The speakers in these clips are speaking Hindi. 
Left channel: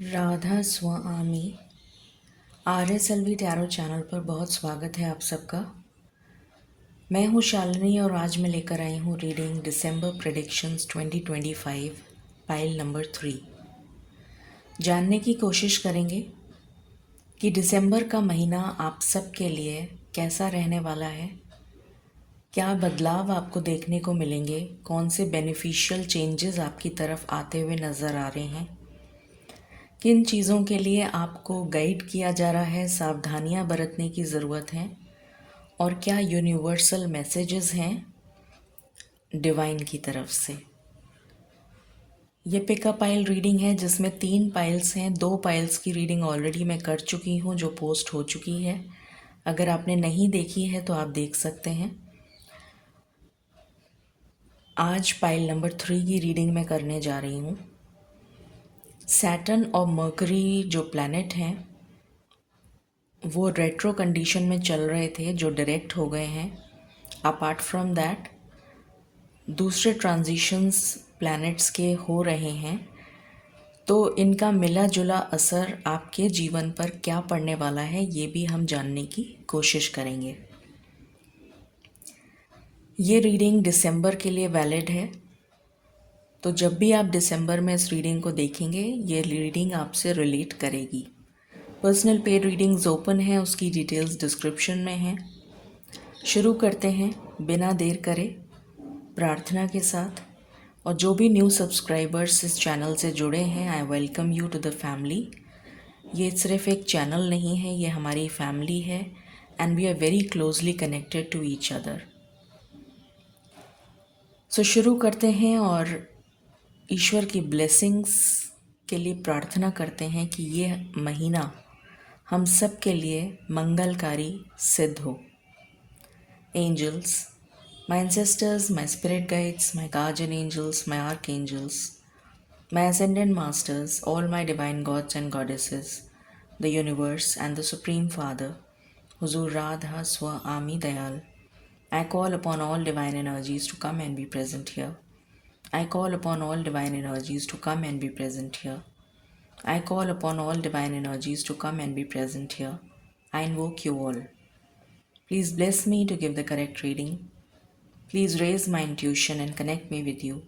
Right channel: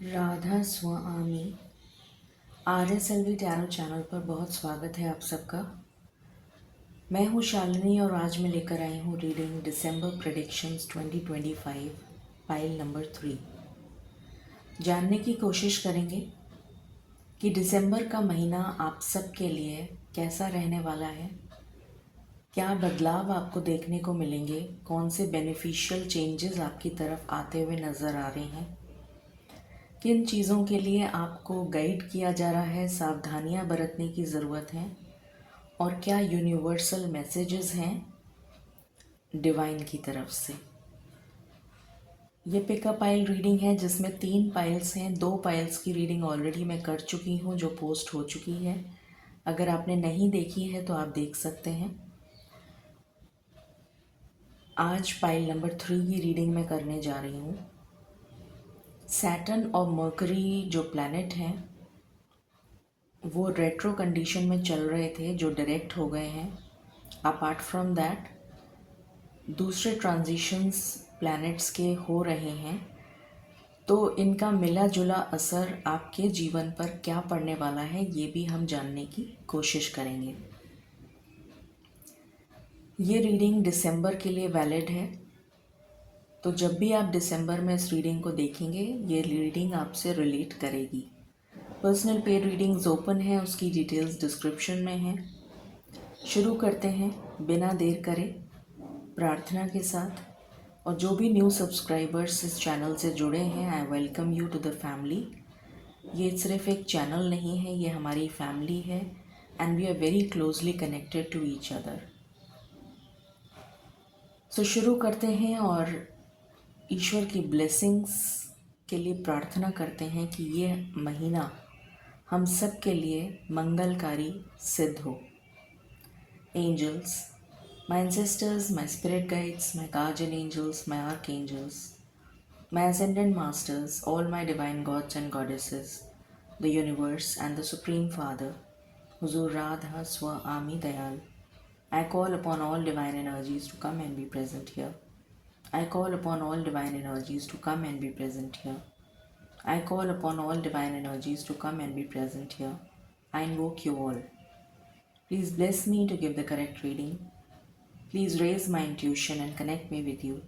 राधा स्वामी RSLV टैरो चैनल पर बहुत स्वागत है आप सबका। मैं हूँ शालिनी और आज मैं लेकर आई हूँ रीडिंग दिसंबर प्रेडिक्शंस 2025 पाइल नंबर 3। जानने की कोशिश करेंगे कि दिसंबर का महीना आप सब के लिए कैसा रहने वाला है, क्या बदलाव आपको देखने को मिलेंगे, कौन से बेनिफिशियल चेंजेस आपकी तरफ आते हुए नज़र आ रहे हैं, किन चीज़ों के लिए आपको गाइड किया जा रहा है, सावधानियां बरतने की ज़रूरत है और क्या यूनिवर्सल मैसेजेस हैं डिवाइन की तरफ से। ये पिकअप पाइल रीडिंग है जिसमें 3 पाइल्स हैं। 2 पाइल्स की रीडिंग ऑलरेडी मैं कर चुकी हूँ जो पोस्ट हो चुकी है। अगर आपने नहीं देखी है तो आप देख सकते हैं। आज पाइल नंबर 3 की रीडिंग मैं करने जा रही हूँ। सैटर्न और मर्करी जो प्लैनेट हैं वो रेट्रो कंडीशन में चल रहे थे जो डायरेक्ट हो गए हैं। अपार्ट फ्रॉम दैट दूसरे ट्रांजिशंस प्लैनेट्स के हो रहे हैं, तो इनका मिला जुला असर आपके जीवन पर क्या पड़ने वाला है ये भी हम जानने की कोशिश करेंगे। ये रीडिंग दिसंबर के लिए वैलिड है, तो जब भी आप दिसंबर में इस रीडिंग को देखेंगे ये रीडिंग आपसे रिलेट करेगी। पर्सनल पेड रीडिंग्स ओपन है, उसकी डिटेल्स डिस्क्रिप्शन में हैं। शुरू करते हैं बिना देर करे प्रार्थना के साथ। और जो भी न्यू सब्सक्राइबर्स इस चैनल से जुड़े हैं, I welcome you to the family. ये सिर्फ एक चैनल नहीं है, ये हमारी फैमिली है and we are very closely connected to each other. So शुरू करते हैं और ईश्वर की ब्लेसिंग्स के लिए प्रार्थना करते हैं कि ये महीना हम सब के लिए मंगलकारी सिद्ध हो। Angels, my ancestors, my spirit guides, my guardian angels, my archangels, my ascended masters, all my divine gods and goddesses, the universe and the Supreme Father, Huzur Radha Swami Dayal. I call upon all divine energies to come and be present here. I call upon all divine energies to come and be present here. I call upon all divine energies to come and be present here. I invoke you all. Please bless me to give the correct reading. Please raise my intuition and connect me with you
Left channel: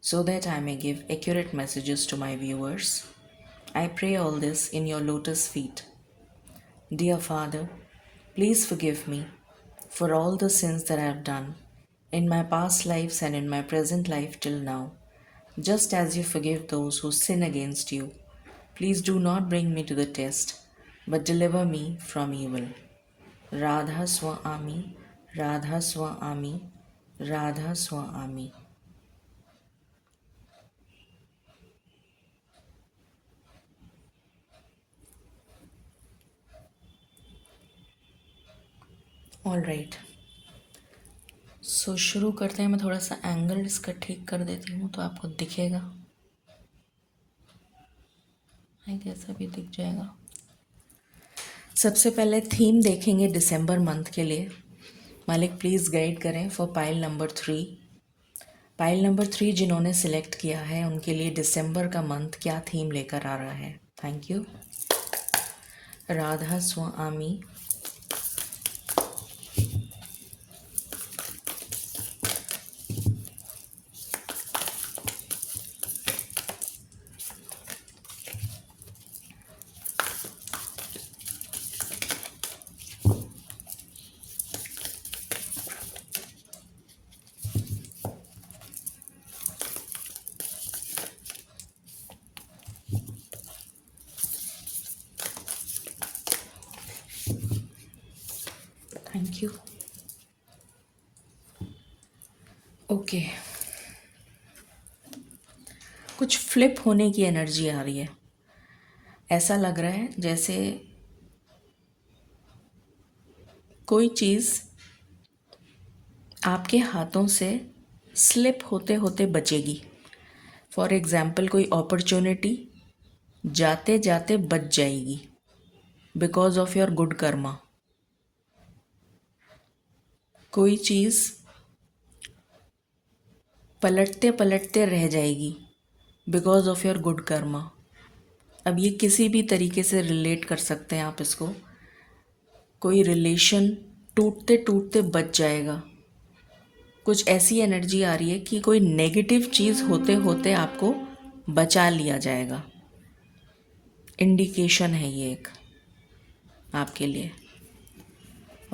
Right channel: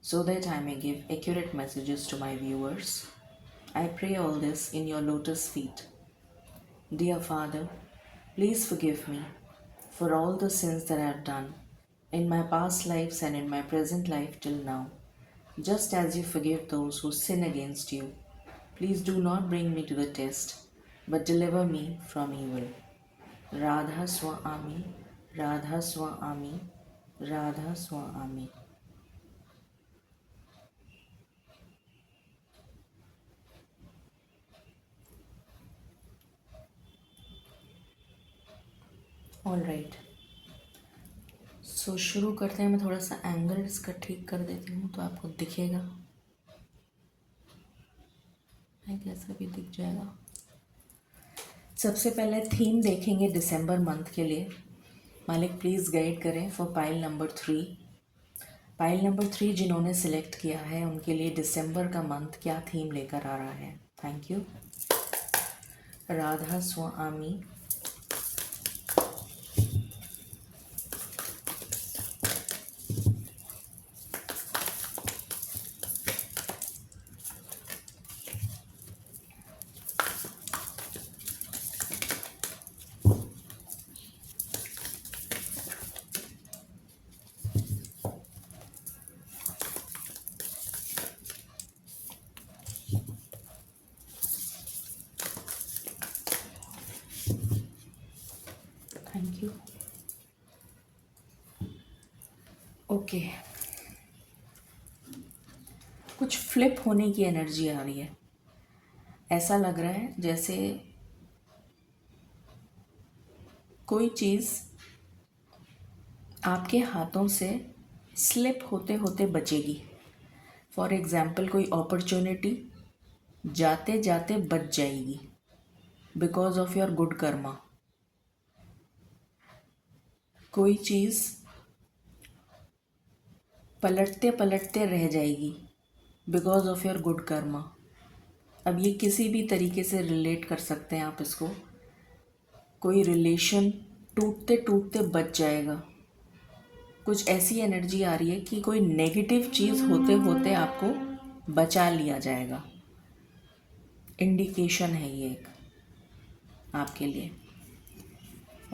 so that I may give accurate messages to my viewers. I pray all this in your lotus feet. Dear Father, please forgive me for all the sins that I have done in my past lives and in my present life till now. Just as you forgive those who sin against you, please do not bring me to the test, but deliver me from evil. Radha Swami, Radha Swami, Radha Swami. All right, so शुरू करते हैं। मैं थोड़ा सा एंगल इसका ठीक कर देती हूँ तो आपको दिखेगा। कैसा भी दिख जाएगा। सबसे पहले थीम देखेंगे दिसंबर मंथ के लिए। मालिक प्लीज़ गाइड करें for pile number 3। Pile number 3 जिन्होंने सिलेक्ट किया है उनके लिए दिसंबर का मंथ क्या थीम लेकर आ रहा है। Thank you. Radha Swami. Thank you. Okay, कुछ फ्लिप होने की एनर्जी आ रही है। ऐसा लग रहा है जैसे कोई चीज़ आपके हाथों से स्लिप होते होते बचेगी। फॉर एग्ज़ाम्पल कोई अपॉर्चुनिटी जाते जाते बच जाएगी because of your good Karma. कोई चीज़ पलटते पलटते रह जाएगी because of your good Karma. अब ये किसी भी तरीके से रिलेट कर सकते हैं आप इसको। कोई रिलेशन टूटते टूटते बच जाएगा। कुछ ऐसी एनर्जी आ रही है कि कोई नेगेटिव चीज़ होते होते आपको बचा लिया जाएगा। इंडिकेशन है ये एक आपके लिए।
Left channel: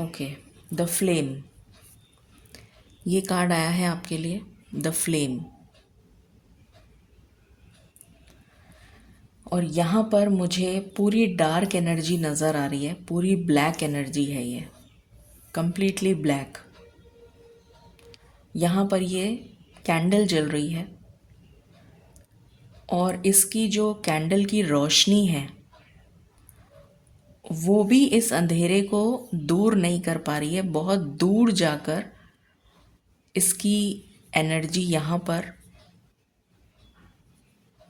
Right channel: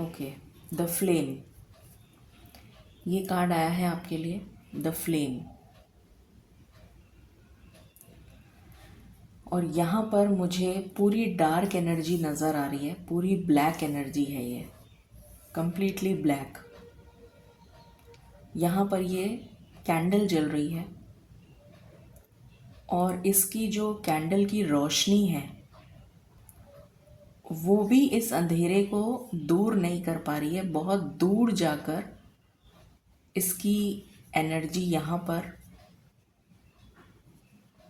ओके, द फ्लेम, ये कार्ड आया है आपके लिए, द फ्लेम। और यहाँ पर मुझे पूरी डार्क एनर्जी नज़र आ रही है, पूरी ब्लैक एनर्जी है ये, कंप्लीटली ब्लैक। यहाँ पर ये कैंडल जल रही है और इसकी जो कैंडल की रोशनी है वो भी इस अंधेरे को दूर नहीं कर पा रही है। बहुत दूर जाकर इसकी एनर्जी यहाँ पर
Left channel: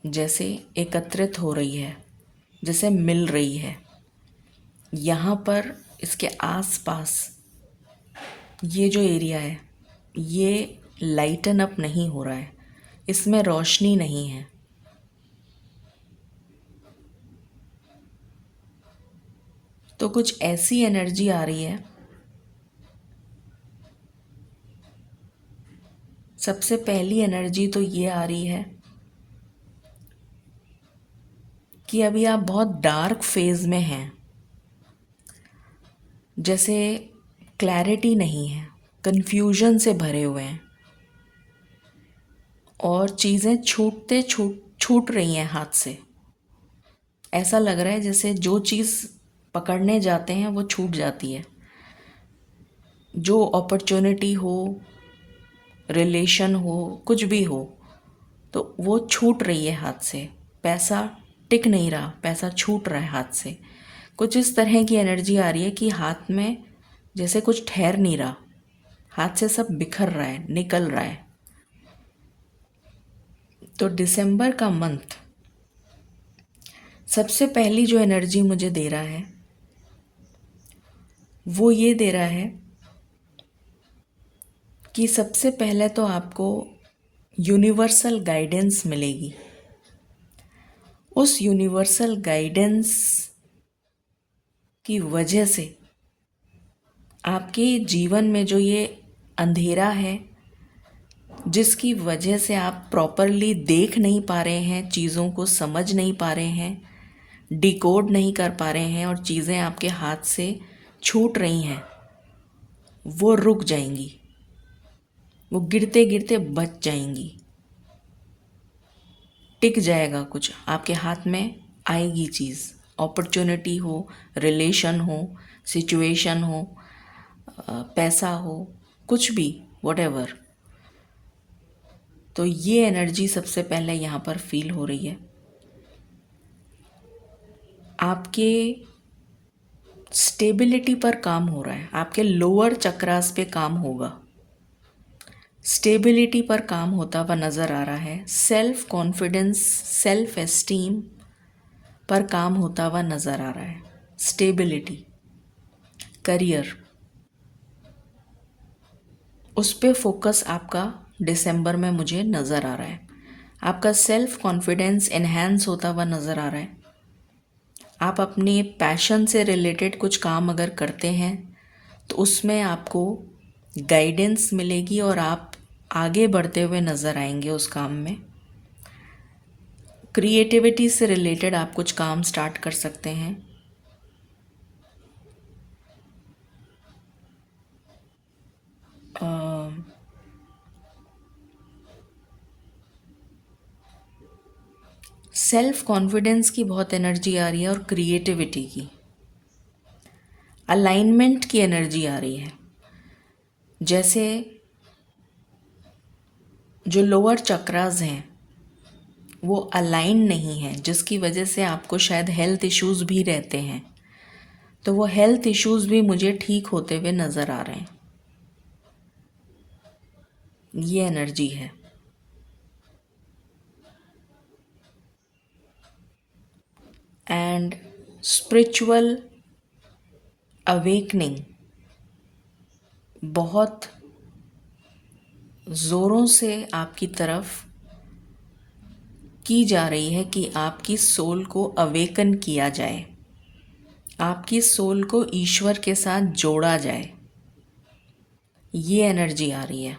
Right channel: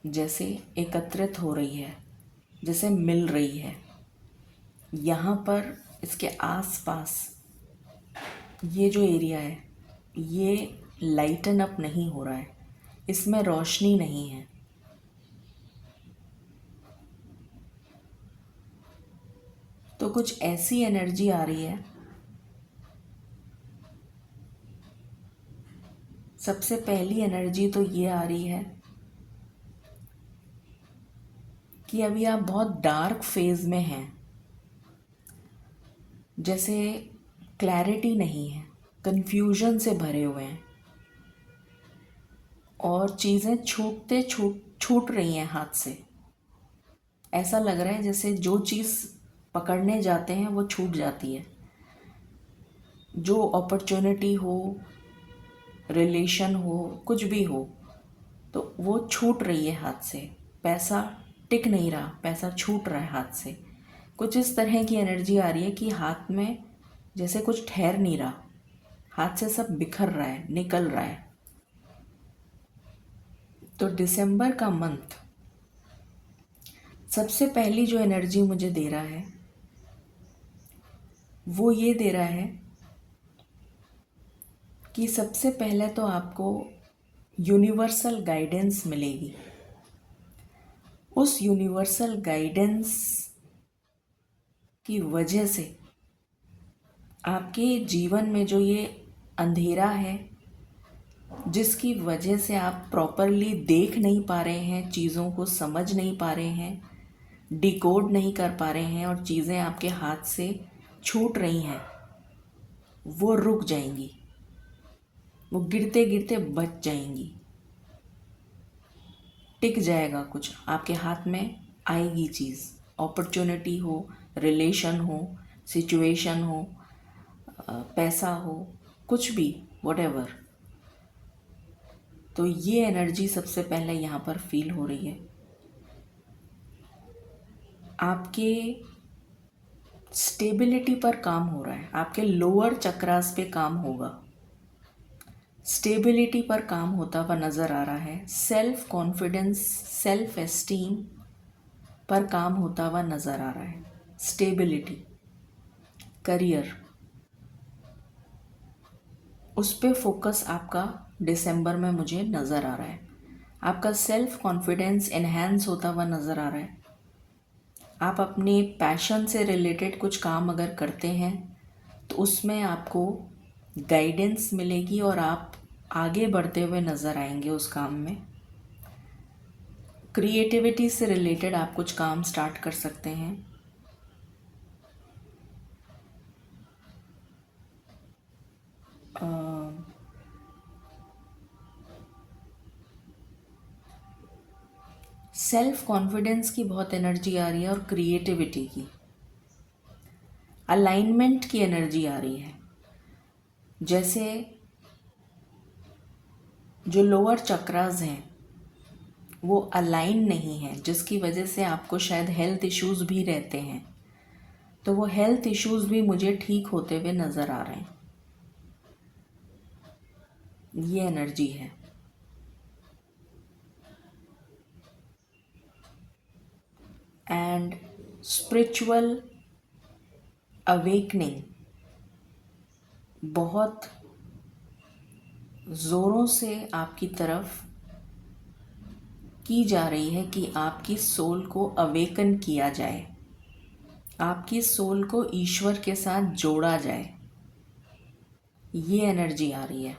जैसे एकत्रित हो रही है, जैसे मिल रही है। यहाँ पर इसके आसपास ये जो एरिया है ये लाइटन अप नहीं हो रहा है, इसमें रोशनी नहीं है। तो कुछ ऐसी एनर्जी आ रही है। सबसे पहली एनर्जी तो ये आ रही है कि अभी आप बहुत डार्क फेज में हैं, जैसे क्लैरिटी नहीं है, कन्फ्यूजन से भरे हुए हैं और चीज़ें छूट रही हैं हाथ से। ऐसा लग रहा है जैसे जो चीज़ पकड़ने जाते हैं वो छूट जाती है। जो अपॉर्चुनिटी हो, रिलेशन हो, कुछ भी हो, तो वो छूट रही है हाथ से। पैसा टिक नहीं रहा, पैसा छूट रहा है हाथ से। कुछ इस तरह की एनर्जी आ रही है कि हाथ में जैसे कुछ ठहर नहीं रहा, हाथ से सब बिखर रहा है, निकल रहा है। तो दिसंबर का मंथ सबसे पहली जो एनर्जी मुझे दे रहा है वो ये दे रहा है कि सबसे पहले तो आपको यूनिवर्सल गाइडेंस मिलेगी। उस यूनिवर्सल गाइडेंस की वजह से आपके जीवन में जो ये अंधेरा है, जिसकी वजह से आप प्रॉपरली देख नहीं पा रहे हैं, चीज़ों को समझ नहीं पा रहे हैं, डिकोड नहीं कर पा रहे हैं और चीज़ें आपके हाथ से छूट रही हैं, वो रुक जाएंगी, वो गिरते गिरते बच जाएंगी। टिक जाएगा, कुछ आपके हाथ में आएगी चीज़। अपॉर्चुनिटी हो, रिलेशन हो, सिचुएशन हो, पैसा हो, कुछ भी, व्हाटएवर। तो ये एनर्जी सबसे पहले यहाँ पर फील हो रही है। आपके स्टेबिलिटी पर काम हो रहा है, आपके लोअर चक्रास पे काम होगा, स्टेबिलिटी पर काम होता हुआ नज़र आ रहा है। सेल्फ कॉन्फिडेंस, सेल्फ एस्टीम पर काम होता हुआ नज़र आ रहा है। स्टेबिलिटी, करियर, उस पे फोकस आपका दिसंबर में मुझे नज़र आ रहा है। आपका सेल्फ कॉन्फिडेंस एनहेंस होता हुआ नज़र आ रहा है। आप अपने पैशन से रिलेटेड कुछ काम अगर करते हैं तो उसमें आपको गाइडेंस मिलेगी और आप आगे बढ़ते हुए नज़र आएंगे उस काम में। क्रिएटिविटी से रिलेटेड आप कुछ काम स्टार्ट कर सकते हैं। सेल्फ कॉन्फिडेंस की बहुत एनर्जी आ रही है और क्रिएटिविटी की, अलाइनमेंट की एनर्जी आ रही है। जैसे जो लोअर चक्रास हैं वो अलाइन नहीं है, जिसकी वजह से आपको शायद हेल्थ इश्यूज़ भी रहते हैं। तो वो हेल्थ इश्यूज़ भी मुझे ठीक होते हुए नज़र आ रहे हैं। ये एनर्जी है। एंड स्पिरिचुअल अवेकनिंग बहुत ज़ोरों से आपकी तरफ की जा रही है कि आपकी सोल को अवेकन किया जाए, आपकी सोल को ईश्वर के साथ जोड़ा जाए। ये एनर्जी आ रही है।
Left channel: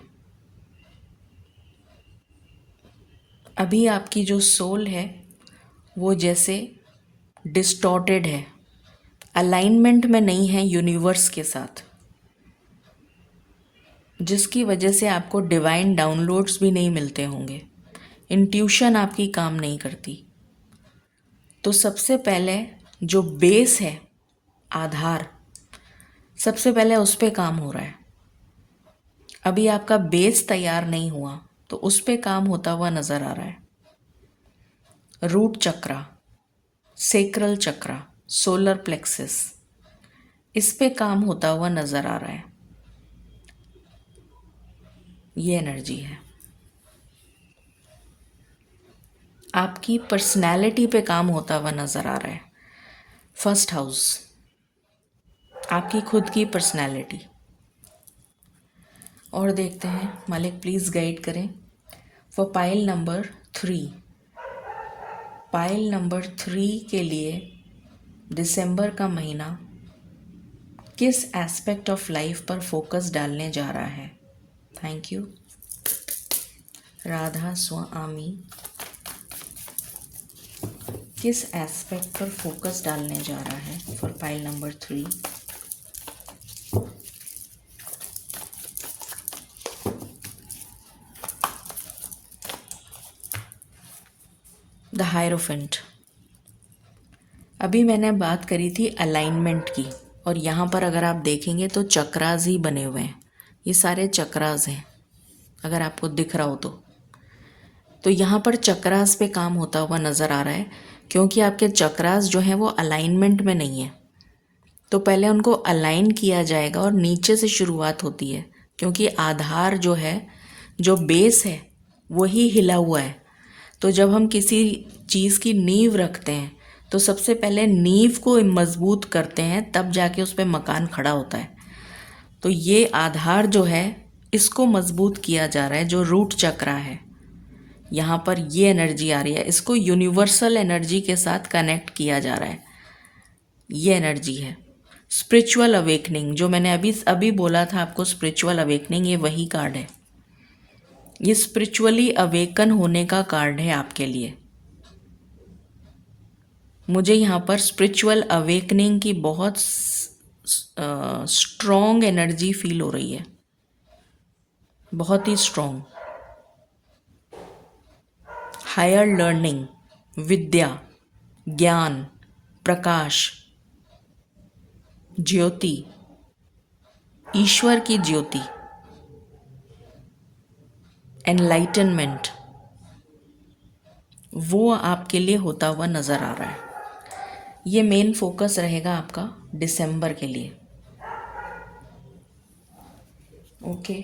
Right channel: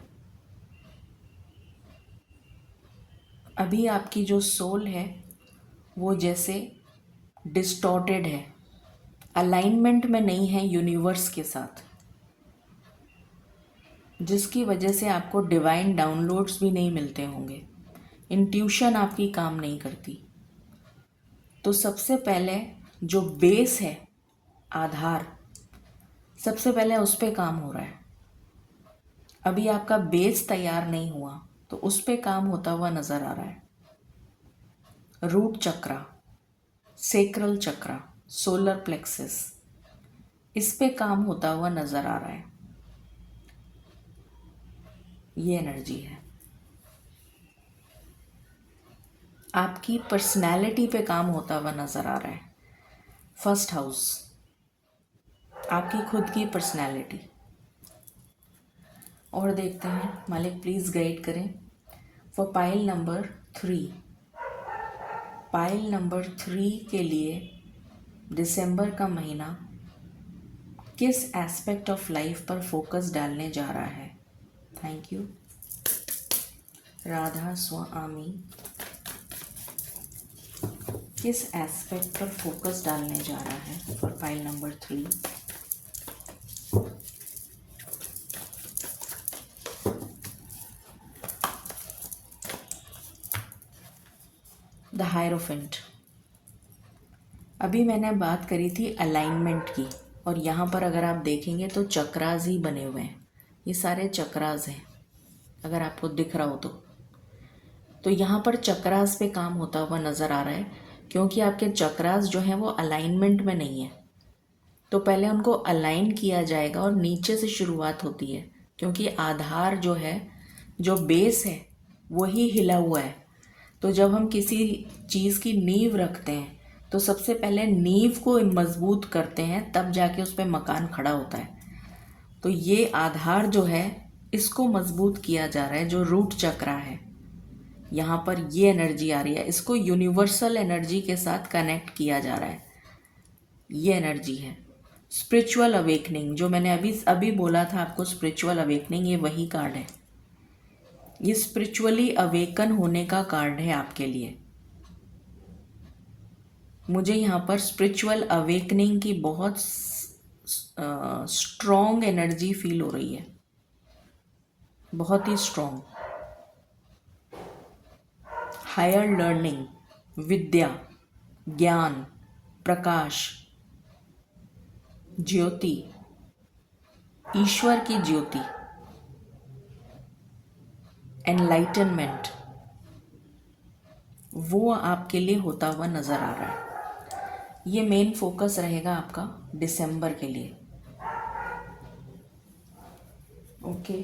अभी आपकी जो सोल है वो जैसे डिस्टॉर्टेड है, अलाइनमेंट में नहीं है यूनिवर्स के साथ, जिसकी वजह से आपको डिवाइन डाउनलोड्स भी नहीं मिलते होंगे, इंट्यूशन आपकी काम नहीं करती। तो सबसे पहले जो बेस है, आधार, सबसे पहले उस पे काम हो रहा है। अभी आपका बेस तैयार नहीं हुआ तो उस पे काम होता हुआ नज़र आ रहा है। रूट चक्रा, सेक्रल चक्रा, सोलर प्लेक्सिस, इस पे काम होता हुआ नज़र आ रहा है। ये एनर्जी है। आपकी पर्सनैलिटी पे काम होता हुआ नज़र आ रहा है। फर्स्ट हाउस, आपकी खुद की पर्सनैलिटी। और देखते हैं, मालिक प्लीज़ गाइड करें for pile number 3। Pile number 3 के लिए दिसंबर का महीना किस एस्पेक्ट ऑफ लाइफ पर फोकस डालने जा रहा है? Thank you. राधा स्वामी किस एस्पेक्ट पर फोकस डालने जा रहा है for pile number 3? The hierophant. अभी मैंने बात करी थी अलाइनमेंट की, और यहाँ पर अगर आप देखेंगे तो चक्रास ही बने हुए हैं। ये सारे चक्रास हैं, अगर आपको दिख रहा हो तो यहाँ पर चक्रास पे काम होता हुआ नज़र आ रहा है, क्योंकि आपके चक्रास जो हैं वो अलाइनमेंट में नहीं है। तो पहले उनको अलाइन किया जाएगा और नीचे से शुरुआत होती है, क्योंकि आधार जो है, जो बेस है, वही हिला हुआ है। तो जब हम किसी चीज़ की नींव रखते हैं तो सबसे पहले नींव को मजबूत करते हैं, तब जाके उस पर मकान खड़ा होता है। तो ये आधार जो है, इसको मजबूत किया जा रहा है, जो रूट चक्रा है। यहाँ पर ये एनर्जी आ रही है, इसको यूनिवर्सल एनर्जी के साथ कनेक्ट किया जा रहा है। ये एनर्जी है स्पिरिचुअल अवेकनिंग, जो मैंने अभी अभी बोला था आपको, स्पिरिचुअल अवेकनिंग, ये वही कार्ड है। ये स्पिरिचुअली अवेकन होने का कार्ड है आपके लिए। मुझे यहाँ पर स्पिरिचुअल अवेकनिंग की बहुत स्ट्रॉन्ग एनर्जी फील हो रही है, बहुत ही स्ट्रॉन्ग। हायर लर्निंग, विद्या, ज्ञान, प्रकाश, ज्योति, ईश्वर की ज्योति, एनलाइटनमेंट, वो आपके लिए होता हुआ नज़र आ रहा है। ये मेन फोकस रहेगा आपका दिसंबर के लिए। ओके,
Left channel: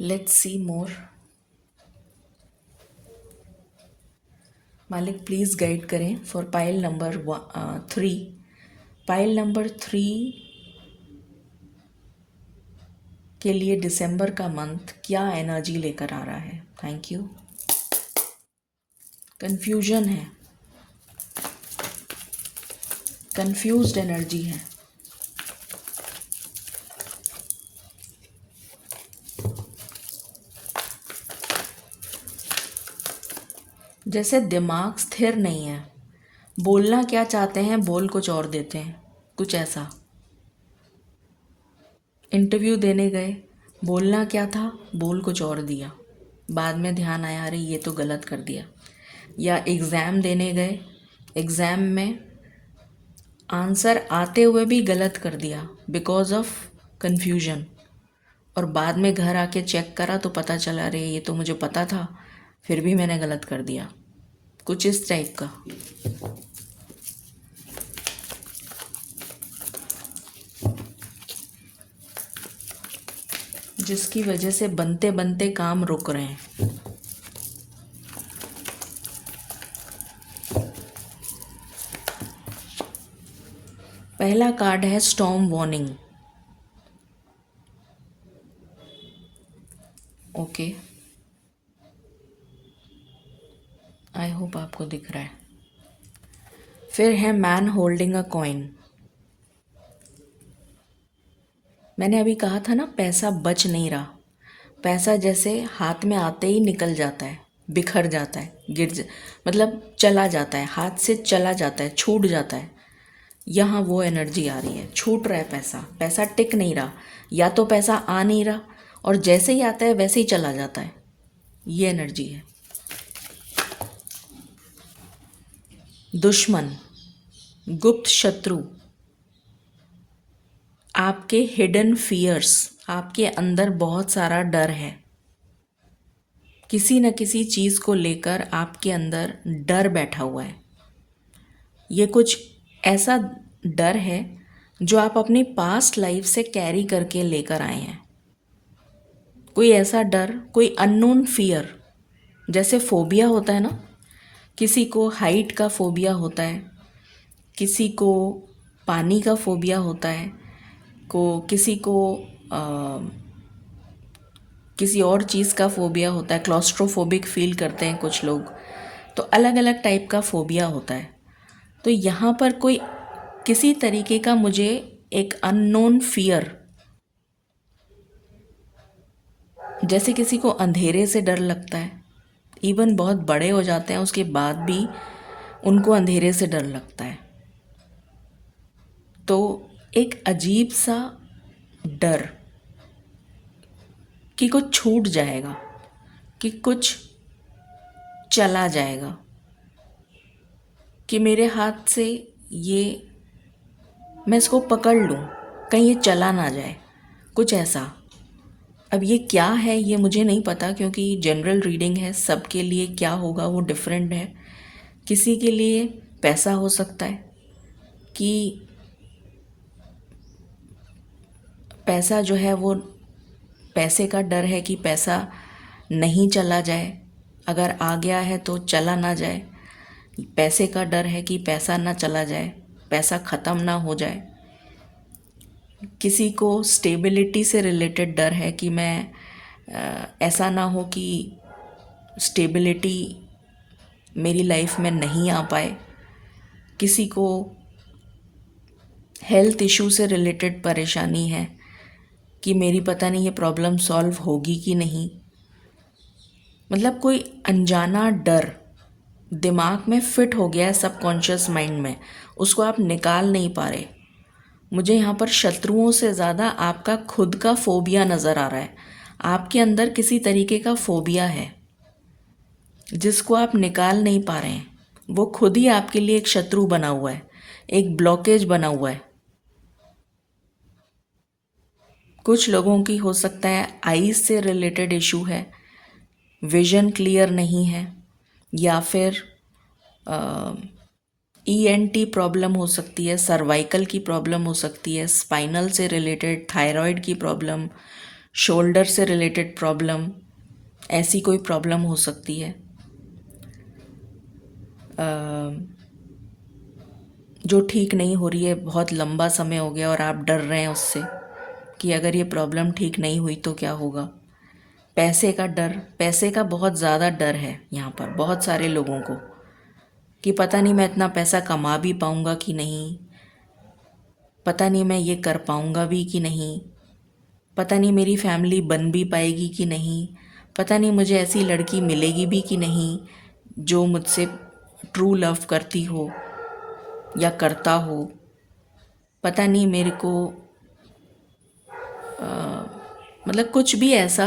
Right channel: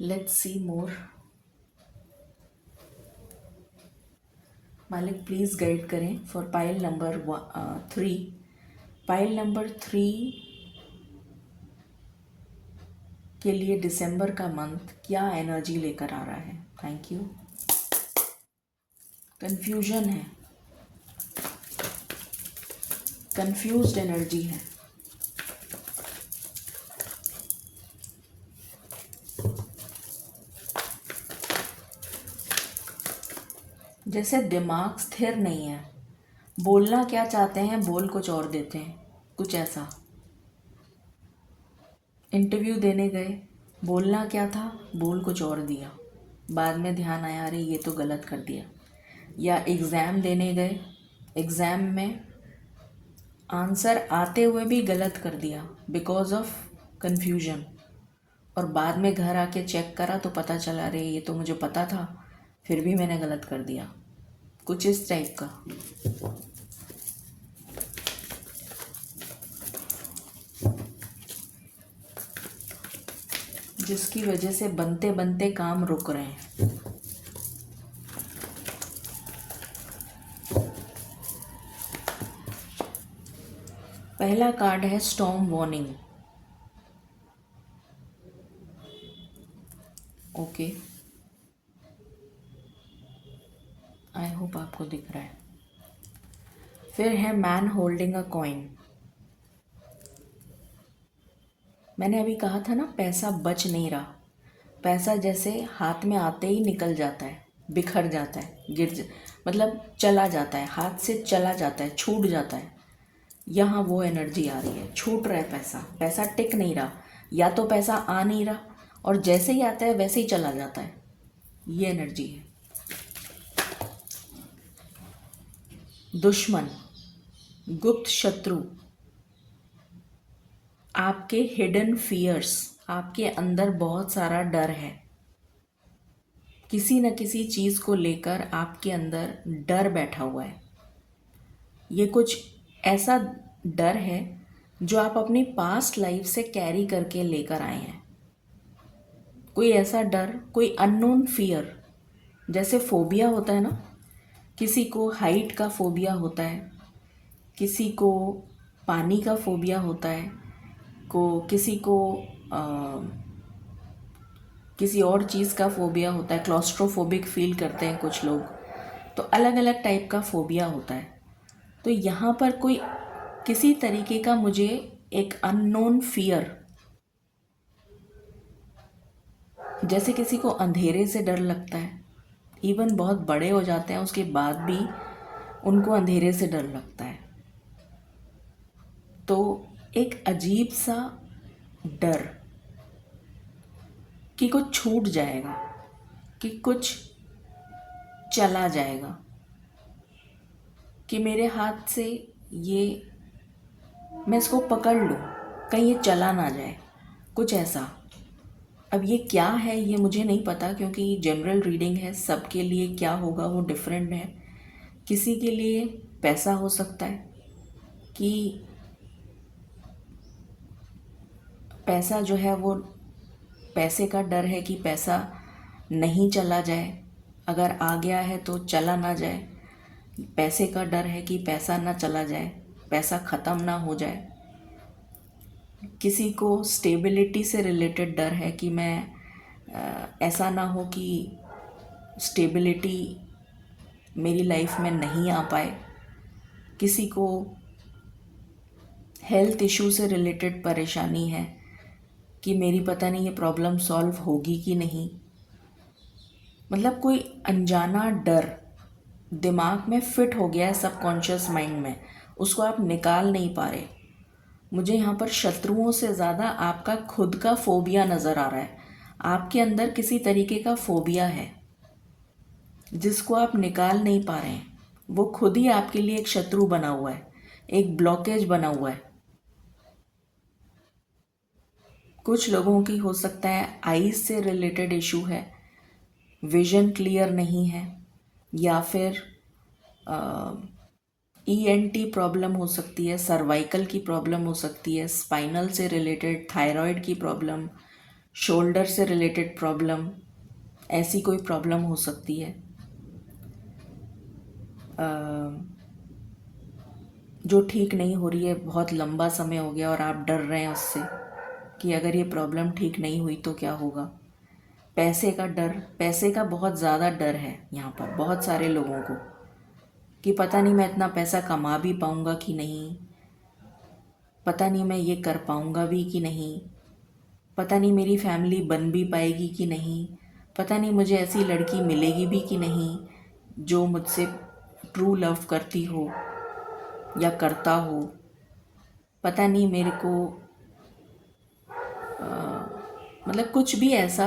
लेट्स सी मोर। मालिक प्लीज़ गाइड करें for pile number 3। Pile number 3 के लिए दिसंबर का मंथ क्या एनर्जी लेकर आ रहा है? Thank you. कंफ्यूजन है, कंफ्यूज्ड एनर्जी है। जैसे दिमाग स्थिर नहीं है, बोलना क्या चाहते हैं बोल कुछ और देते हैं, कुछ ऐसा। इंटरव्यू देने गए, बोलना क्या था, बोल कुछ और दिया, बाद में ध्यान आया अरे ये तो गलत कर दिया। या एग्ज़ाम देने गए, एग्ज़ाम में आंसर आते हुए भी गलत कर दिया बिकॉज ऑफ कन्फ्यूजन, और बाद में घर आके चेक करा तो पता चला अरे ये तो मुझे पता था, फिर भी मैंने गलत कर दिया। कुछ इस टाइप का। जिसकी वजह से बनते बनते काम रुक रहे हैं। पहला कार्ड है storm warning. Okay, I hope आपको दिख रहा है। फिर है मैन होल्डिंग अ कॉइन। मैंने अभी कहा था ना, पैसा बच नहीं रहा। पैसा जैसे हाथ में आते ही निकल जाता है, बिखर जाता है, मतलब चला जाता है, हाथ से चला जाता है, छूट जाता है। यहाँ वो एनर्जी आ रही है, छूट रहा है पैसा, पैसा टिक नहीं रहा, या तो पैसा आ नहीं रहा और जैसे ही आता है वैसे ही चला जाता है। ये एनर्जी है। दुश्मन, गुप्त शत्रु, आपके हिडन फियर्स, आपके अंदर बहुत सारा डर है। किसी न किसी चीज़ को लेकर आपके अंदर डर बैठा हुआ है। ये कुछ ऐसा डर है जो आप अपनी पास्ट लाइफ से कैरी करके लेकर आए हैं। कोई ऐसा डर, कोई अननोन फियर, जैसे फोबिया होता है ना, किसी को हाइट का फोबिया होता है, किसी को पानी का फोबिया होता है, किसी को किसी और चीज़ का फोबिया होता है, क्लॉस्ट्रोफोबिक फील करते हैं कुछ लोग। तो अलग अलग टाइप का फोबिया होता है। तो यहाँ पर कोई किसी तरीके का मुझे एक अननोन फियर, जैसे किसी को अंधेरे से डर लगता है, इवन बहुत बड़े हो जाते हैं उसके बाद भी उनको अंधेरे से डर लगता है। तो एक अजीब सा डर कि कुछ छूट जाएगा, कि कुछ चला जाएगा, कि मेरे हाथ से ये, मैं इसको पकड़ लूँ, कहीं ये चला ना जाए, कुछ ऐसा। अब ये क्या है ये मुझे नहीं पता, क्योंकि जनरल रीडिंग है, सबके लिए क्या होगा वो डिफरेंट है। किसी के लिए पैसा हो सकता है कि पैसा जो है वो, पैसे का डर है कि पैसा नहीं चला जाए, अगर आ गया है तो चला ना जाए। पैसे का डर है कि पैसा ना चला जाए, पैसा ख़त्म ना हो जाए। किसी को स्टेबिलिटी से रिलेटेड डर है कि मैं ऐसा ना हो कि स्टेबिलिटी मेरी लाइफ में नहीं आ पाए। किसी को हेल्थ इशू से रिलेटेड परेशानी है कि मेरी पता नहीं ये प्रॉब्लम सॉल्व होगी कि नहीं। मतलब कोई अनजाना डर दिमाग में फिट हो गया है, सबकॉन्शियस माइंड में, उसको आप निकाल नहीं पा रहे। मुझे यहाँ पर शत्रुओं से ज़्यादा आपका खुद का फोबिया नज़र आ रहा है। आपके अंदर किसी तरीके का फोबिया है जिसको आप निकाल नहीं पा रहे हैं। वो खुद ही आपके लिए एक शत्रु बना हुआ है, एक ब्लॉकेज बना हुआ है। कुछ लोगों की हो सकता है आईज से रिलेटेड इशू है, विजन क्लियर नहीं है, या फिर ईएनटी प्रॉब्लम हो सकती है, सर्वाइकल की प्रॉब्लम हो सकती है, स्पाइनल से रिलेटेड, थायराइड की प्रॉब्लम, शोल्डर से रिलेटेड प्रॉब्लम, ऐसी कोई प्रॉब्लम हो सकती है जो ठीक नहीं हो रही है, बहुत लंबा समय हो गया और आप डर रहे हैं उससे कि अगर ये प्रॉब्लम ठीक नहीं हुई तो क्या होगा। पैसे का डर, पैसे का बहुत ज़्यादा डर है यहाँ पर बहुत सारे लोगों को, कि पता नहीं मैं इतना पैसा कमा भी पाऊँगा कि नहीं, पता नहीं मैं ये कर पाऊँगा भी कि नहीं, पता नहीं मेरी फैमिली बन भी पाएगी कि नहीं, पता नहीं मुझे ऐसी लड़की मिलेगी भी कि नहीं जो मुझसे ट्रू लव करती हो या करता हो, पता नहीं मेरे को मतलब कुछ भी ऐसा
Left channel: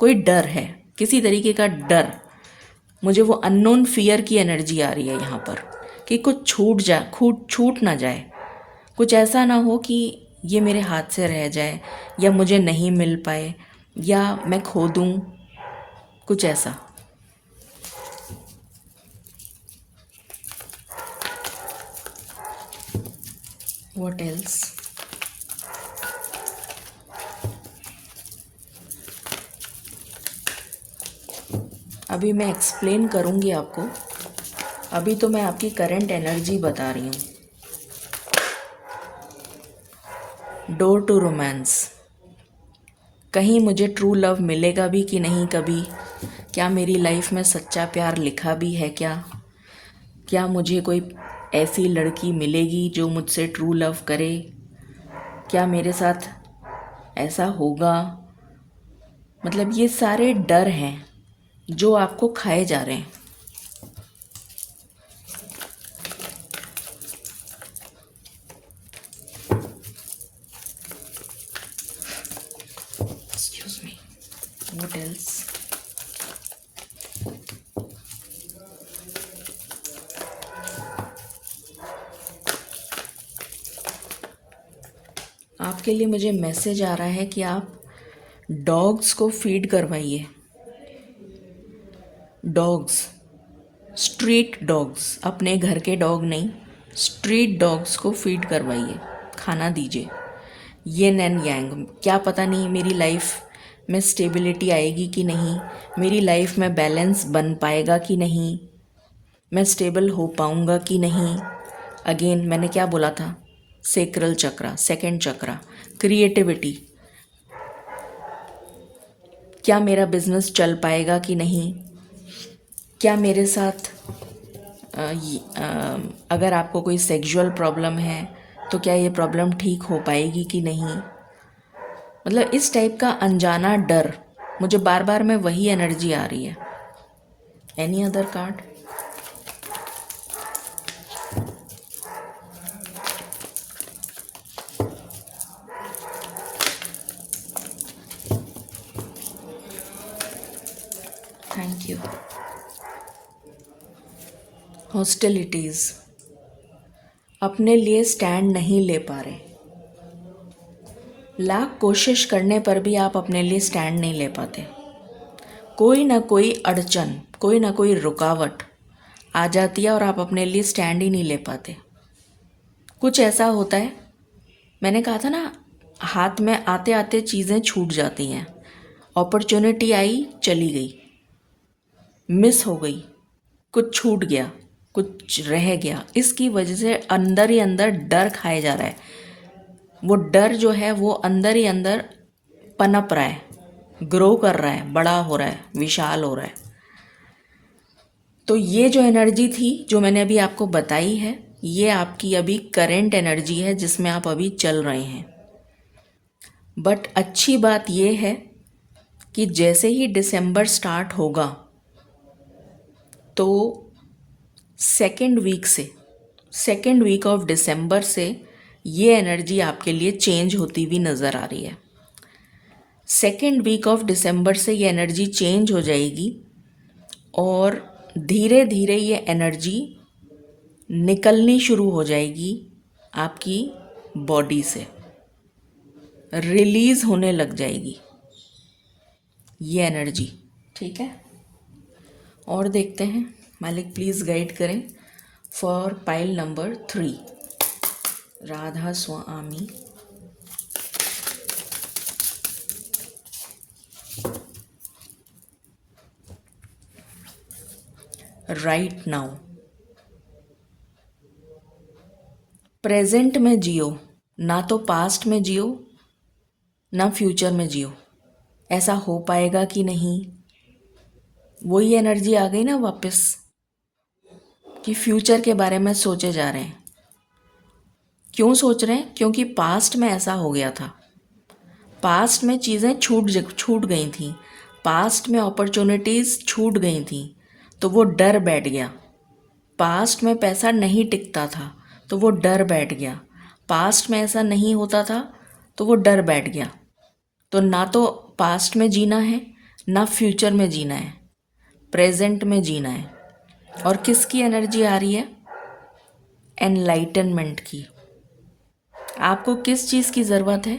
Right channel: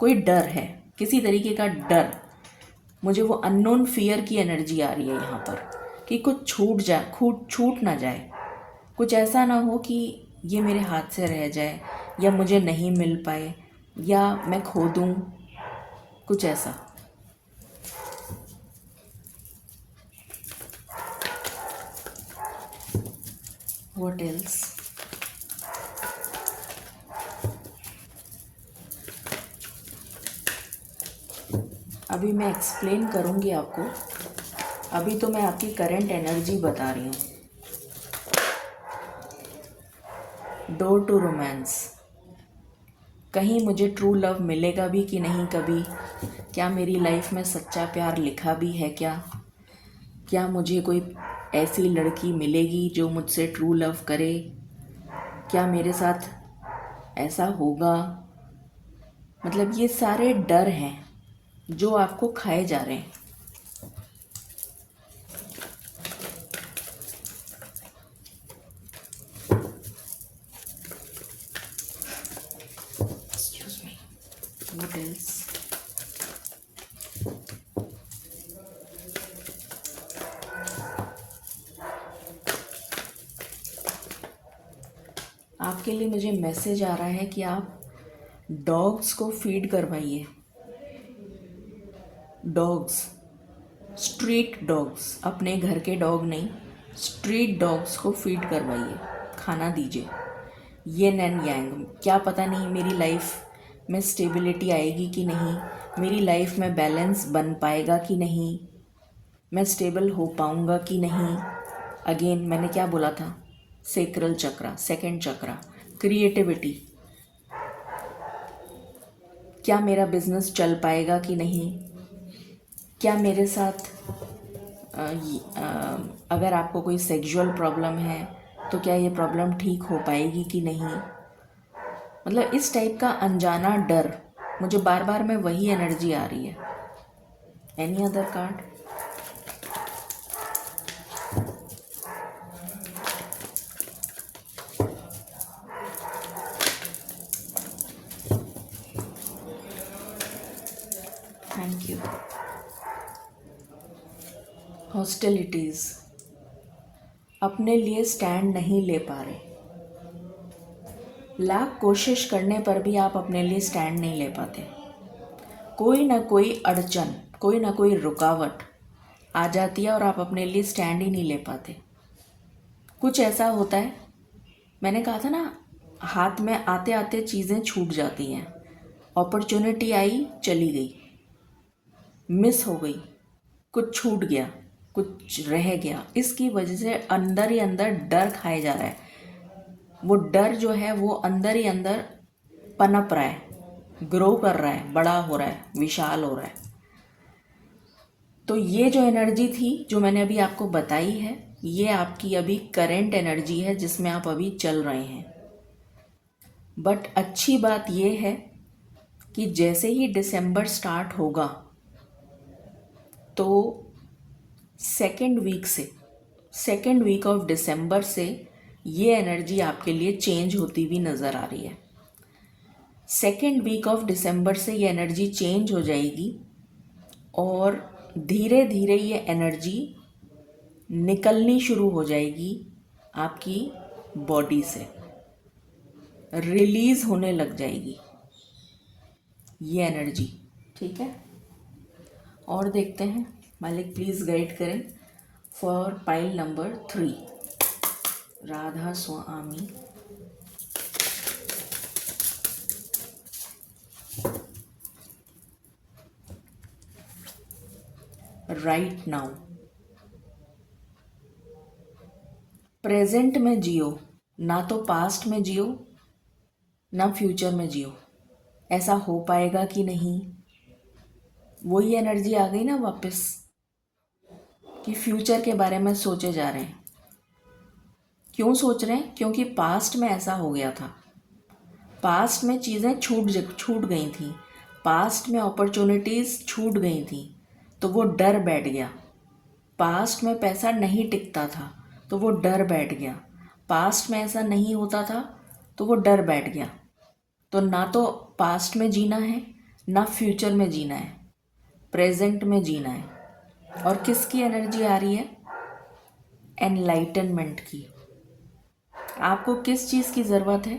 कोई डर है, किसी तरीके का डर। मुझे वो अननोन फियर की एनर्जी आ रही है यहाँ पर कि कुछ छूट ना जाए, कुछ ऐसा ना हो कि ये मेरे हाथ से रह जाए या मुझे नहीं मिल पाए या मैं खो दूँ, कुछ ऐसा। What else? अभी मैं एक्सप्लेन करूँगी आपको, अभी तो मैं आपकी करंट एनर्जी बता रही हूँ। डोर टू रोमांस, कहीं मुझे ट्रू लव मिलेगा भी कि नहीं कभी, क्या मेरी लाइफ में सच्चा प्यार लिखा भी है क्या? क्या मुझे कोई ऐसी लड़की मिलेगी जो मुझसे ट्रू लव करे? क्या मेरे साथ ऐसा होगा? मतलब ये सारे डर हैं जो आपको खाए जा रहे हैं। Excuse me, what else? आपके लिए मुझे मैसेज आ रहा है कि आप डॉग्स को फीड करवाइए। डॉग्स, स्ट्रीट डॉग्स, अपने घर के डॉग नहीं, स्ट्रीट डॉग्स को फीड करवाइए, खाना दीजिए। येन एंड यांग, क्या पता नहीं मेरी लाइफ में स्टेबिलिटी आएगी कि नहीं, मेरी लाइफ में बैलेंस बन पाएगा कि नहीं, मैं स्टेबल हो पाऊँगा कि नहीं। अगेन मैंने क्या बोला था? सेक्रल चक्रा, सेकंड चक्रा, क्रिएटिविटी, क्या मेरा बिजनेस चल पाएगा कि नहीं, क्या मेरे साथ अगर आपको कोई सेक्सुअल प्रॉब्लम है तो क्या ये प्रॉब्लम ठीक हो पाएगी कि नहीं। मतलब इस टाइप का अनजाना डर, मुझे बार बार में वही एनर्जी आ रही है। Any other card? Thank you. Hostilities, अपने लिए स्टैंड नहीं ले पा रहे, लाख कोशिश करने पर भी आप अपने लिए स्टैंड नहीं ले पाते। कोई ना कोई अड़चन, कोई ना कोई रुकावट आ जाती है और आप अपने लिए स्टैंड ही नहीं ले पाते। कुछ ऐसा होता है, मैंने कहा था ना, हाथ में आते आते चीज़ें छूट जाती हैं। अपॉर्चुनिटी आई, चली गई, मिस हो गई, कुछ छूट गया, कुछ रह गया। इसकी वजह से अंदर ही अंदर डर खाया जा रहा है। वो डर जो है वो अंदर ही अंदर पनप रहा है, ग्रो कर रहा है, बड़ा हो रहा है, विशाल हो रहा है। तो ये जो एनर्जी थी जो मैंने अभी आपको बताई है, ये आपकी अभी करंट एनर्जी है जिसमें आप अभी चल रहे हैं। बट अच्छी बात ये है कि जैसे ही दिसंबर स्टार्ट होगा तो सेकेंड वीक ऑफ दिसंबर से ये एनर्जी आपके लिए चेंज होती हुई नज़र आ रही है। सेकेंड वीक ऑफ दिसंबर से ये एनर्जी चेंज हो जाएगी और धीरे धीरे ये एनर्जी निकलनी शुरू हो जाएगी आपकी बॉडी से, रिलीज़ होने लग जाएगी ये एनर्जी। ठीक है, और देखते हैं। मालिक प्लीज़ गाइड करें for pile number 3, Radha Swami. Right now, present में जियो, ना तो पास्ट में जियो ना फ्यूचर में जियो। ऐसा हो पाएगा कि नहीं, वही एनर्जी आ गई ना वापस कि फ्यूचर के बारे में सोचे जा रहे हैं। क्यों सोच रहे हैं? क्योंकि पास्ट में ऐसा हो गया था, पास्ट में चीज़ें छूट गई थी, पास्ट में अपॉर्चुनिटीज़ छूट गई थी, तो वो डर बैठ गया। पास्ट में पैसा नहीं टिकता था तो वो डर बैठ गया, पास्ट में ऐसा नहीं होता था तो वो डर बैठ गया। तो ना तो पास्ट में जीना है ना फ्यूचर में जीना है, प्रेजेंट में जीना है। और किसकी एनर्जी आ रही है? एनलाइटनमेंट की। आपको किस चीज़ की ज़रूरत है?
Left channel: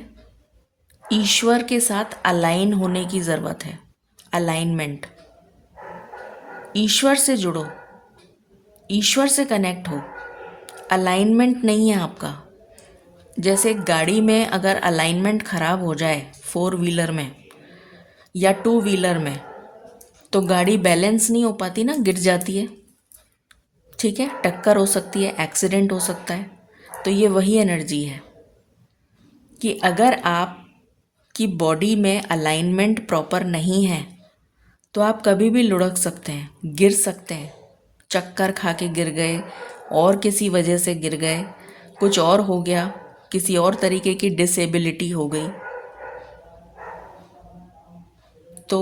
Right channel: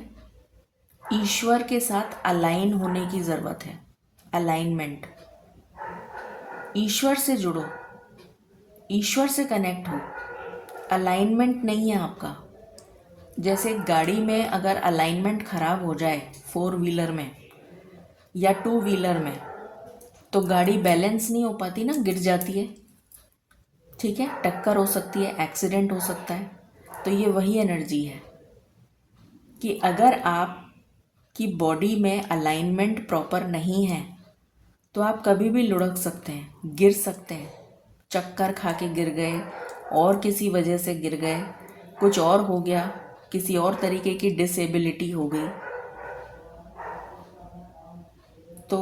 ईश्वर के साथ अलाइन होने की ज़रूरत है। अलाइनमेंट, ईश्वर से जुड़ो, ईश्वर से कनेक्ट हो। अलाइनमेंट नहीं है आपका। जैसे गाड़ी में अगर अलाइनमेंट ख़राब हो जाए, 4 व्हीलर में या 2 व्हीलर में, तो गाड़ी बैलेंस नहीं हो पाती ना, गिर जाती है। ठीक है, टक्कर हो सकती है, एक्सीडेंट हो सकता है। तो ये वही एनर्जी है कि अगर आप की बॉडी में अलाइनमेंट प्रॉपर नहीं है तो आप कभी भी लुढ़क सकते हैं, गिर सकते हैं, चक्कर खा के गिर गए और किसी वजह से गिर गए, कुछ और हो गया, किसी और तरीके की डिसेबिलिटी हो गई। तो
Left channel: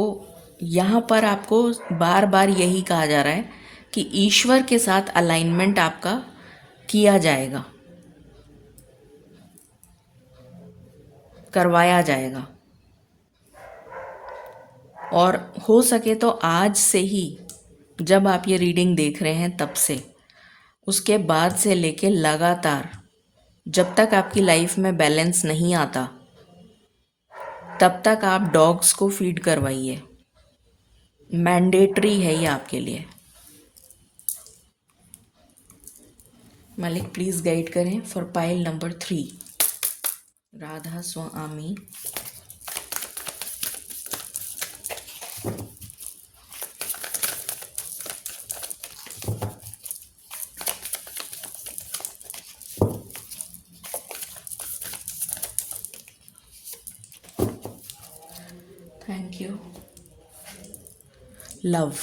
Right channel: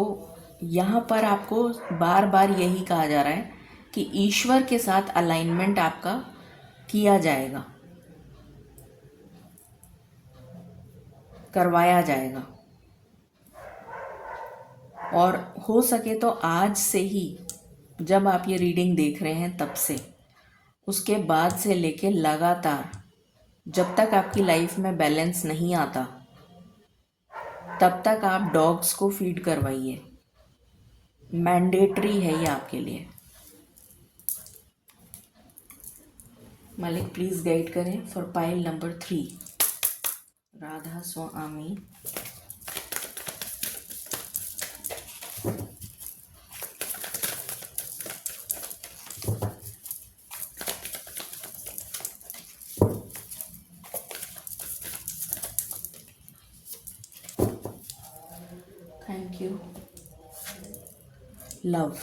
यहाँ पर आपको बार बार यही कहा जा रहा है कि ईश्वर के साथ अलाइनमेंट आपका किया जाएगा, करवाया जाएगा। और हो सके तो आज से ही, जब आप ये रीडिंग देख रहे हैं तब से, उसके बाद से लेके लगातार जब तक आपकी लाइफ में बैलेंस नहीं आता तब तक आप डॉग्स को फीड करवाइए। मैंडेटरी है ये आपके लिए। मालिक प्लीज़ गाइड करें for pile number 3, Radha Swami. Thank you. Love,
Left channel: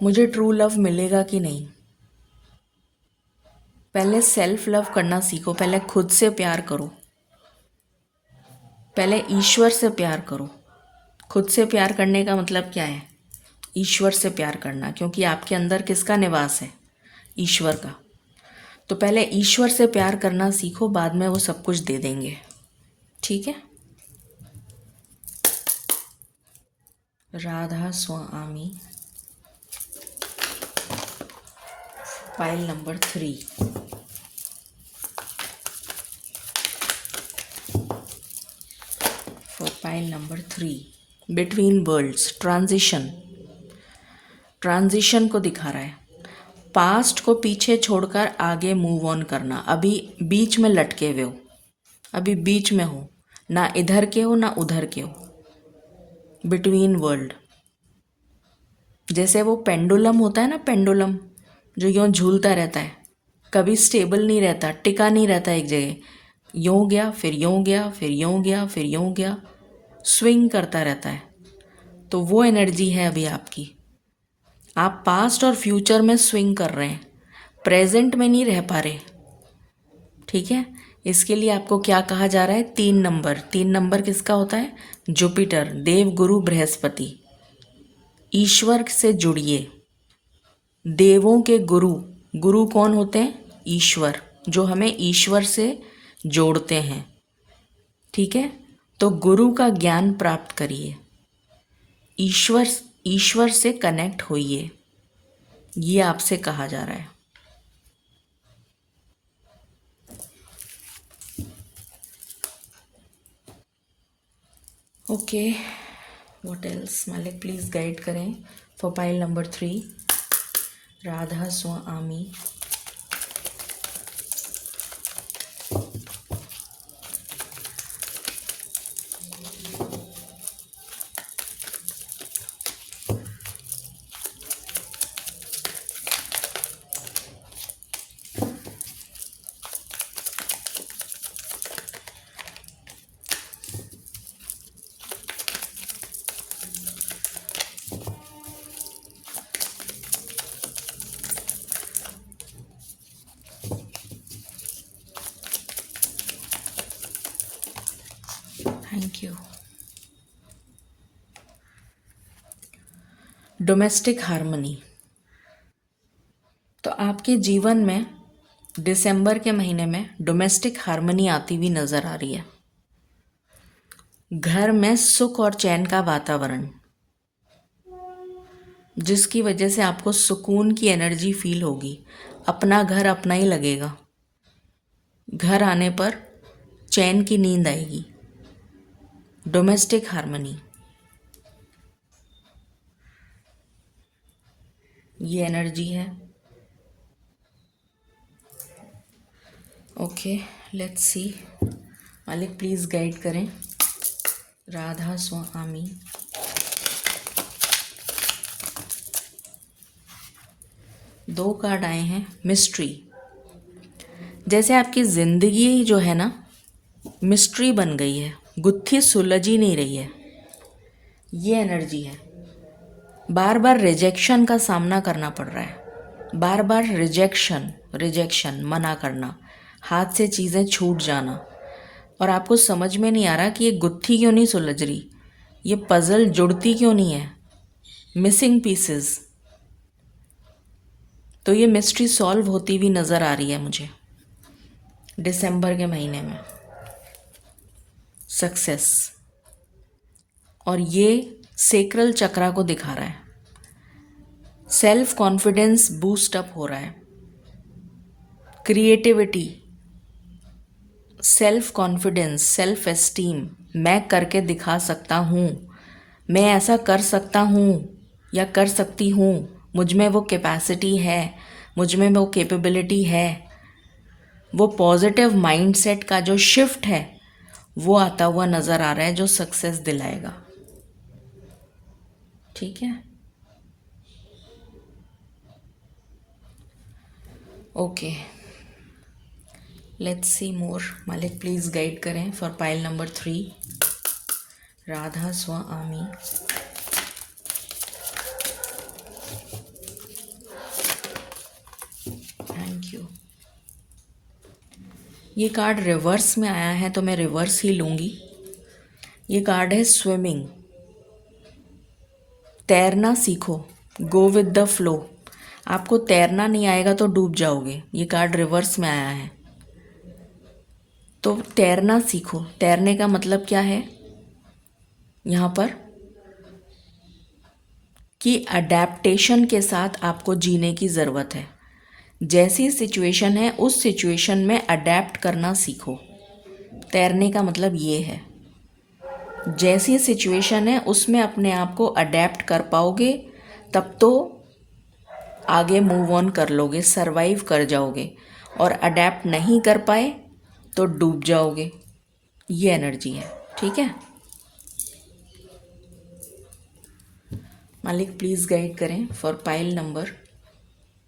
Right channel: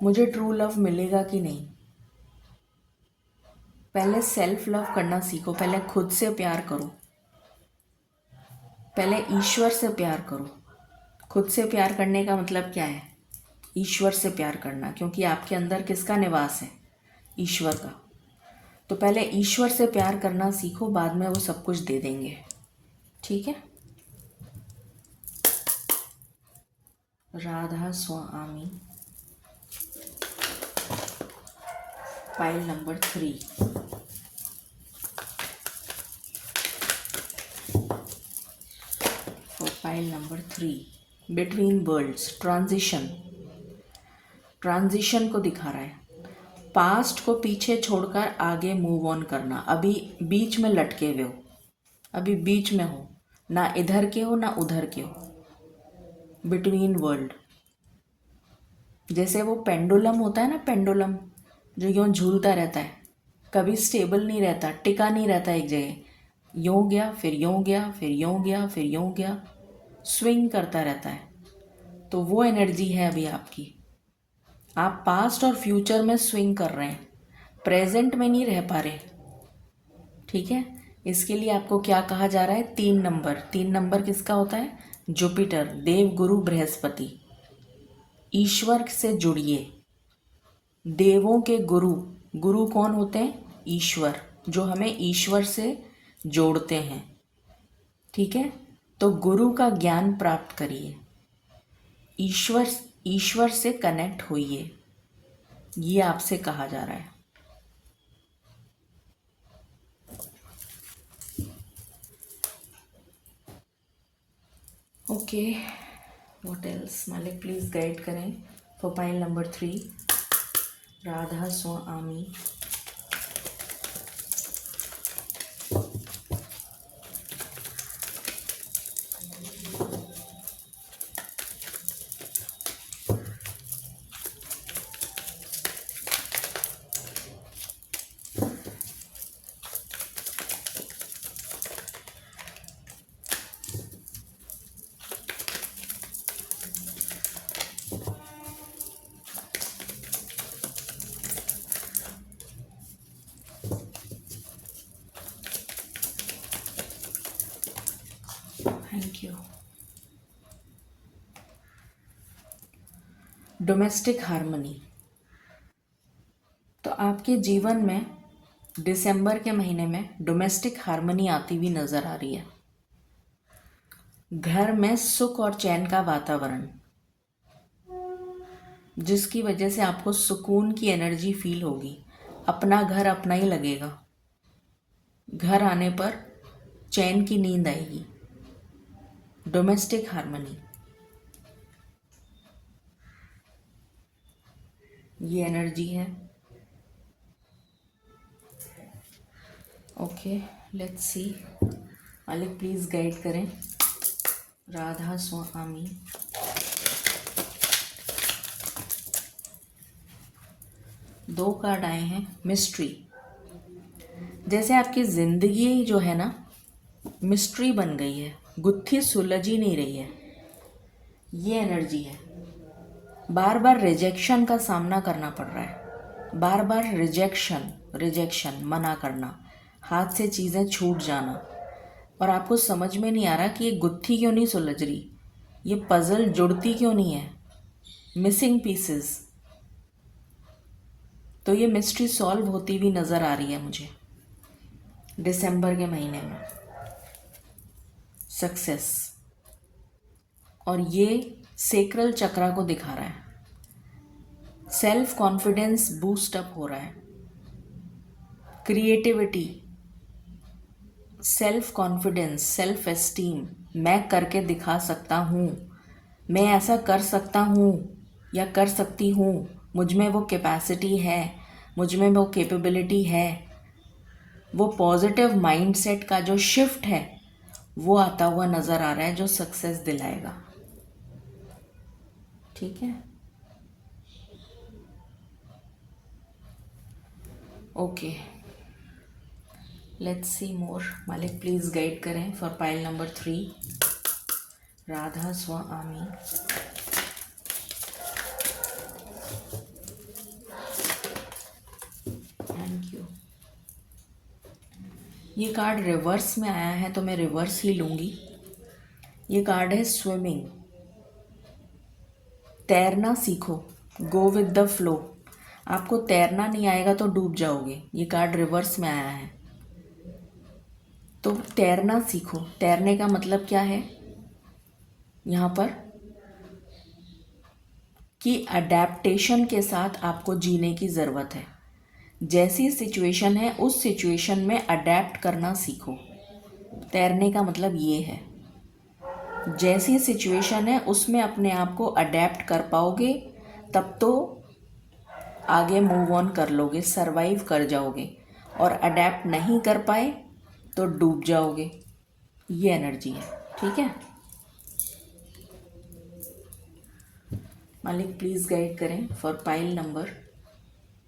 मुझे ट्रू लव मिलेगा कि नहीं? पहले सेल्फ लव करना सीखो, पहले खुद से प्यार करो, पहले ईश्वर से प्यार करो। खुद से प्यार करने का मतलब क्या है? ईश्वर से प्यार करना, क्योंकि आपके अंदर किसका निवास है? ईश्वर का। तो पहले ईश्वर से प्यार करना सीखो, बाद में वो सब कुछ दे देंगे। ठीक है? Radha Swami, pile number 3, for pile number 3, between worlds, transition. Transition को दिखा रहा है, पास्ट को पीछे छोड़कर आगे मूव ऑन करना। अभी बीच में लटके हुए हो, अभी बीच में हो, ना इधर के हो ना उधर के हो, बिटवीन वर्ल्ड। जैसे वो पेंडुलम होता है ना, पेंडुलम जो यूँ झूलता रहता है, कभी स्टेबल नहीं रहता, टिका नहीं रहता एक जगह, यूँ गया फिर यूँ गया फिर यूँ गया फिर यूँ गया, स्विंग करता रहता है। तो वो एनर्जी है अभी आपकी। आप पास्ट और फ्यूचर में स्विंग कर रहे हैं, प्रेजेंट में नहीं रह पा रहे। ठीक है? इसके लिए आपको क्या कहा जा रहा है? 3 नंबर। 3 नंबर किसका होता है? जुपिटर, देव गुरु बृहस्पति। ईश्वर से जुड़िए। देवों के गुरु, गुरु कौन होते हैं? ईश्वर, जो हमें ईश्वर से जोड़ते हैं। ठीक है? तो गुरु का ज्ञान प्राप्त करिए, ईश्वर से कनेक्ट होइए, ये आपसे कहा जा रहा है। Okay, what else? मालिक प्लीज़ गाइड करें for pile number 3, Radha Swami. Thank you. Domestic harmony. तो आपके जीवन में दिसंबर के महीने में डोमेस्टिक हार्मनी आती हुई नज़र आ रही है। घर में सुख और चैन का वातावरण, जिसकी वजह से आपको सुकून की एनर्जी फील होगी। अपना घर अपना ही लगेगा। घर आने पर चैन की नींद आएगी। डोमेस्टिक हार्मनी, ये एनर्जी है। Okay, let's see. मालिक प्लीज़ गाइड करें, राधा स्वामी। दो कार्ड आए हैं, मिस्ट्री। जैसे आपकी ज़िंदगी जो है ना, मिस्ट्री बन गई है। गुत्थी सुलझ ही नहीं रही है, ये एनर्जी है। बार बार रिजेक्शन का सामना करना पड़ रहा है, बार बार रिजेक्शन, मना करना, हाथ से चीज़ें छूट जाना, और आपको समझ में नहीं आ रहा कि ये गुत्थी क्यों नहीं सुलझ रही, ये पजल जुड़ती क्यों नहीं है, मिसिंग पीसेस। तो ये मिस्ट्री सॉल्व होती हुई नज़र आ रही है मुझे दिसंबर के महीने में, सक्सेस। और ये सेक्रल चक्रा को दिखा रहा है, सेल्फ कॉन्फिडेंस बूस्ट अप हो रहा है, creativity, self confidence, self esteem, मैं करके दिखा सकता हूँ, मैं ऐसा कर सकता हूँ या कर सकती हूँ, मुझ में वो कैपेसिटी है, मुझ में वो कैपेबिलिटी है। वो पॉजिटिव माइंडसेट का जो शिफ्ट है वो आता हुआ नज़र आ रहा है, जो सक्सेस दिलाएगा। ठीक है, ओके, लेट्स सी मोर। मालिक प्लीज़ गाइड करें for pile number 3, Radha Swami. Thank you. ये कार्ड रिवर्स में आया है तो मैं रिवर्स ही लूँगी। ये कार्ड है स्विमिंग, तैरना सीखो, गो विद द फ्लो। आपको तैरना नहीं आएगा तो डूब जाओगे, ये कार्ड रिवर्स में आया है। तो तैरना सीखो, तैरने का मतलब क्या है यहाँ पर कि अडेप्टेशन के साथ आपको जीने की ज़रूरत है। जैसी सिचुएशन है उस सिचुएशन में अडेप्ट करना सीखो, तैरने का मतलब ये है। जैसी सिचुएशन है उसमें अपने आप को अडेप्ट कर पाओगे तब तो आगे मूव ऑन कर लोगे, सरवाइव कर जाओगे, और अडेप्ट नहीं कर पाए तो डूब जाओगे। ये एनर्जी है, ठीक है। मालिक प्लीज़ गाइड करें for pile number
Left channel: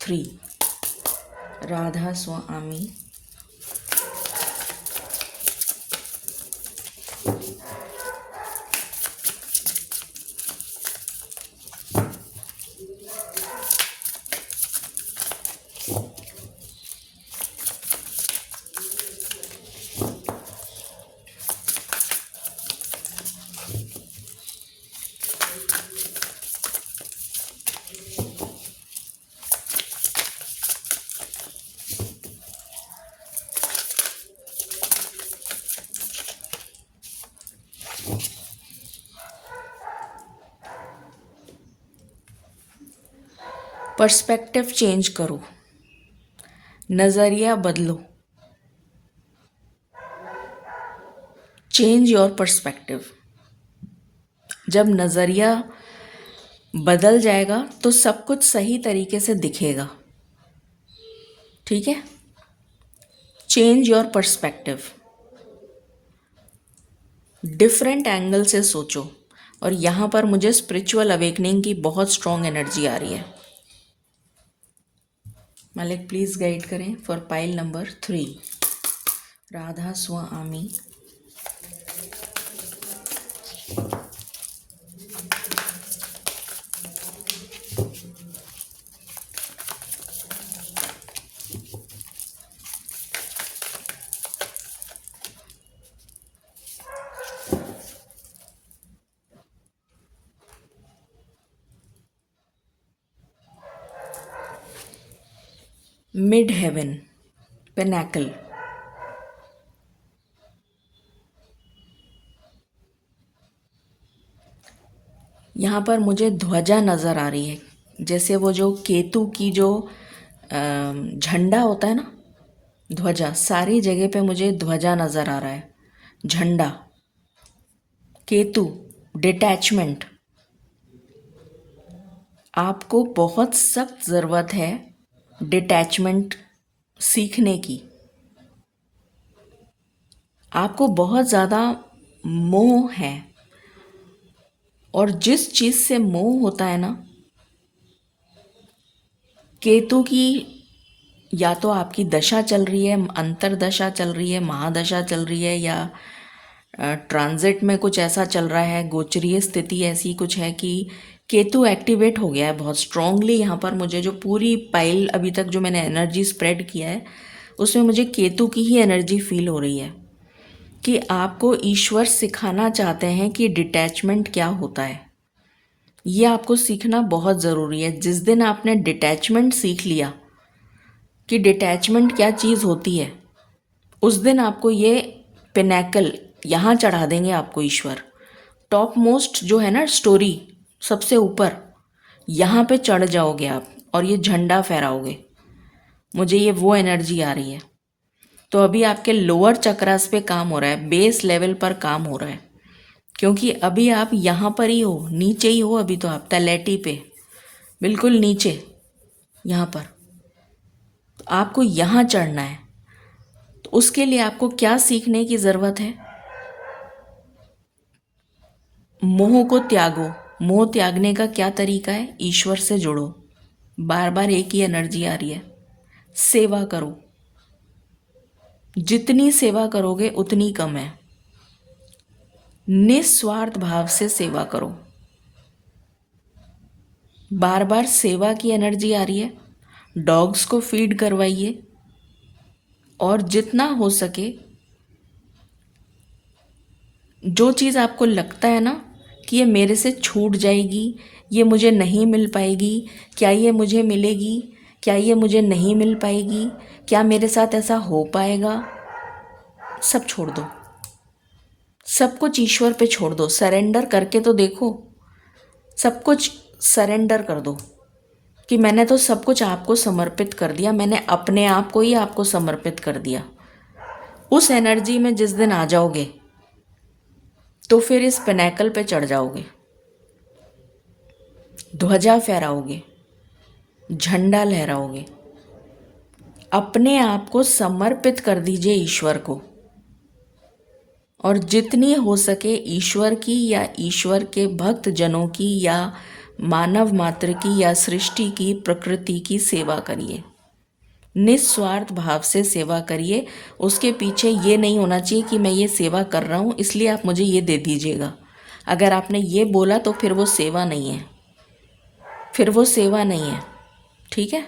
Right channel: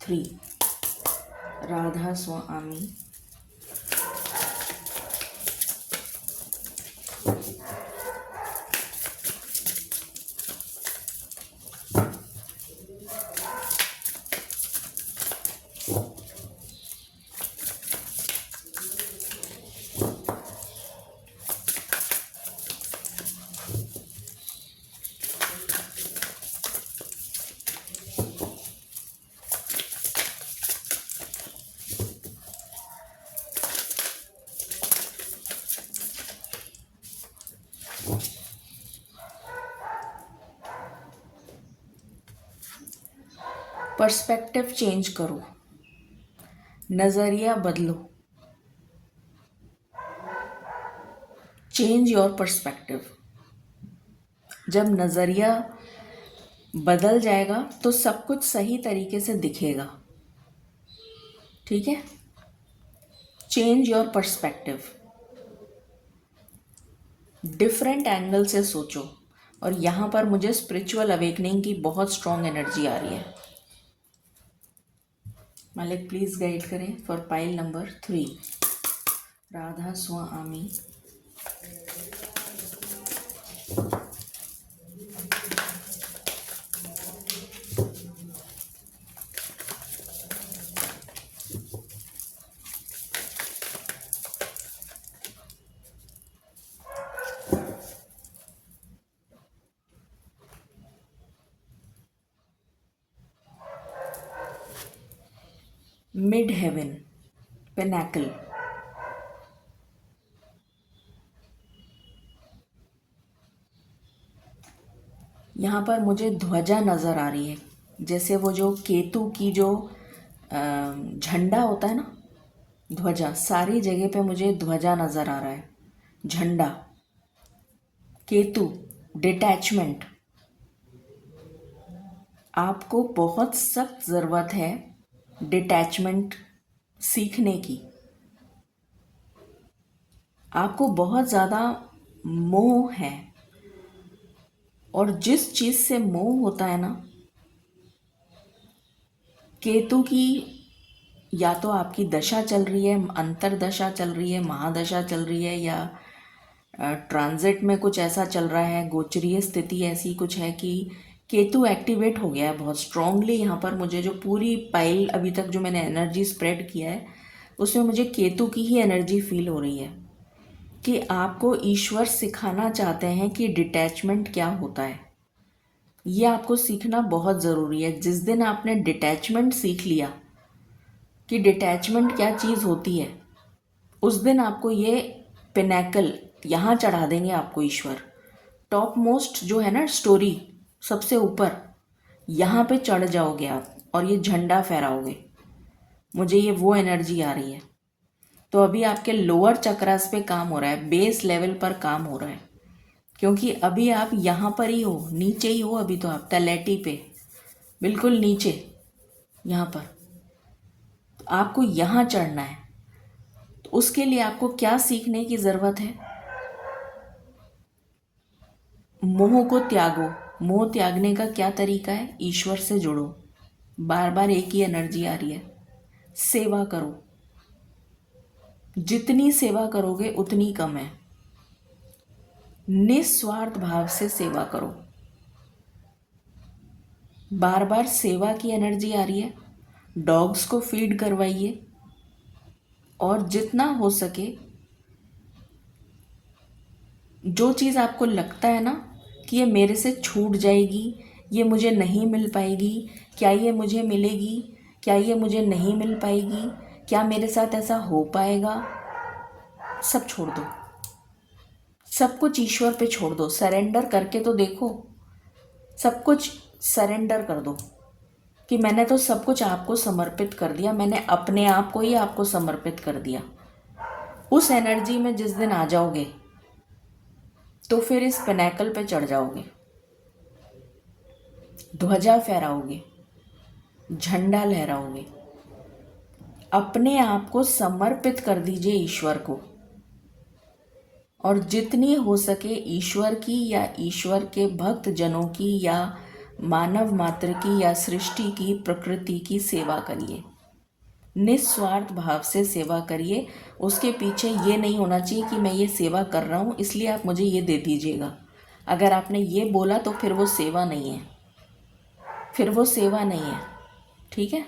3, Radha Swami. Perspective change करो, नज़रिया बदलो, चेंज योर पर्सपेक्टिव। जब नज़रिया बदल जाएगा तो सब कुछ सही तरीके से दिखेगा, ठीक है। Change your perspective, different angle से सोचो। और यहाँ पर मुझे स्पिरिचुअल अवेकनिंग की बहुत स्ट्रॉन्ग एनर्जी आ रही है। मालिक प्लीज़ गाइड करें for pile number 3, Radha Swami. Mid heaven, pinnacle, यहाँ पर मुझे ध्वजा नज़र आ रही है, जैसे वो जो केतु की जो झंडा होता है ना, ध्वजा, सारी जगह पे मुझे ध्वजा नज़र आ रहा है, झंडा, केतु, डिटैचमेंट। आपको बहुत सख्त ज़रूरत है डिटैचमेंट सीखने की। आपको बहुत ज़्यादा मोह है, और जिस चीज़ से मोह होता है ना, केतु की या तो आपकी दशा चल रही है, अंतरदशा चल रही है, महादशा चल रही है, या ट्रांजिट में कुछ ऐसा चल रहा है, गोचरीय स्थिति ऐसी कुछ है कि केतु एक्टिवेट हो गया है बहुत स्ट्रांगली। यहाँ पर मुझे जो पूरी पाइल अभी तक जो मैंने एनर्जी स्प्रेड किया है उसमें मुझे केतु की ही एनर्जी फील हो रही है कि आपको ईश्वर सिखाना चाहते हैं कि डिटैचमेंट क्या होता है। ये आपको सीखना बहुत ज़रूरी है। जिस दिन आपने डिटैचमेंट सीख लिया कि डिटैचमेंट क्या चीज़ होती है, उस दिन आपको ये पिनैकल यहाँ चढ़ा देंगे आपको ईश्वर। टॉप मोस्ट जो है ना स्टोरी, सबसे ऊपर यहाँ पे चढ़ जाओगे आप और ये झंडा फहराओगे। मुझे ये वो एनर्जी आ रही है। तो अभी आपके लोअर चक्रास पे काम हो रहा है, बेस लेवल पर काम हो रहा है, क्योंकि अभी आप यहाँ पर ही हो, नीचे ही हो। अभी तो आप तलैटी पे बिल्कुल नीचे यहाँ पर, तो आपको यहाँ चढ़ना है। तो उसके लिए आपको क्या सीखने की ज़रूरत है? मोह को त्यागो। मोह त्यागने का क्या तरीका है? ईश्वर से जुड़ो। बार बार एक ही एनर्जी आ रही है, सेवा करो। जितनी सेवा करोगे उतनी कम है। निस्वार्थ भाव से सेवा करो। बार बार सेवा की एनर्जी आ रही है। डॉग्स को फीड करवाइए और जितना हो सके जो चीज़ आपको लगता है ना कि ये मेरे से छूट जाएगी, ये मुझे नहीं मिल पाएगी, क्या ये मुझे मिलेगी, क्या ये मुझे नहीं मिल पाएगी, क्या मेरे साथ ऐसा हो पाएगा, सब छोड़ दो। सब कुछ ईश्वर पे छोड़ दो। सरेंडर करके तो देखो। सब कुछ सरेंडर कर दो कि मैंने तो सब कुछ आपको समर्पित कर दिया, मैंने अपने आप को ही आपको समर्पित कर दिया। उस एनर्जी में जिस दिन आ जाओगे तो फिर इस पिनैकल पे चढ़ जाओगे, ध्वजा फहराओगे, झंडा लहराओगे। अपने आप को समर्पित कर दीजिए ईश्वर को, और जितनी हो सके ईश्वर की या ईश्वर के भक्त जनों की या मानव मात्र की या सृष्टि की, प्रकृति की सेवा करिए। निस्वार्थ भाव से सेवा करिए। उसके पीछे ये नहीं होना चाहिए कि मैं ये सेवा कर रहा हूँ इसलिए आप मुझे ये दे दीजिएगा। अगर आपने ये बोला तो फिर वो सेवा नहीं है, फिर वो सेवा नहीं है। ठीक है,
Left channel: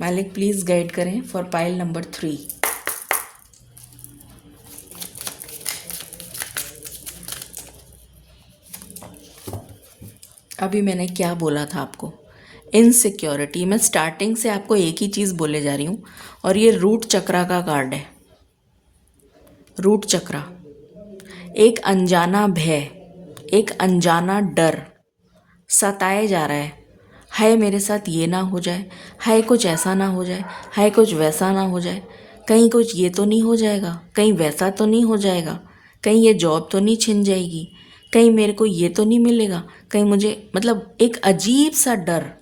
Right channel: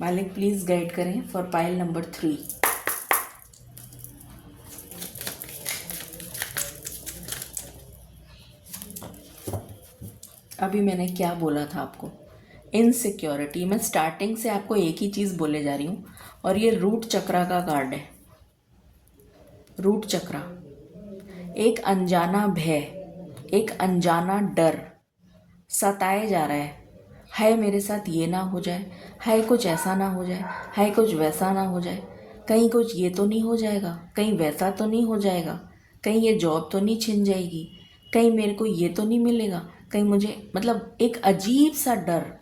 मालिक प्लीज़ गाइड करें फॉर पाइल नंबर 3। अभी मैंने क्या बोला था आपको? इनसिक्योरिटी। मैं स्टार्टिंग से आपको एक ही चीज़ बोले जा रही हूँ, और ये रूट चक्रा का कार्ड है। रूट चक्रा एक अनजाना भय, एक अनजाना डर सताए जा रहा है। हाय मेरे साथ ये ना हो जाए, हाय कुछ ऐसा ना हो जाए, हाय कुछ वैसा ना हो जाए, कहीं कुछ ये तो नहीं हो जाएगा, कहीं वैसा तो नहीं हो जाएगा, कहीं ये जॉब तो नहीं छिन जाएगी, कहीं मेरे को ये तो नहीं मिलेगा, कहीं मुझे, मतलब एक अजीब सा डर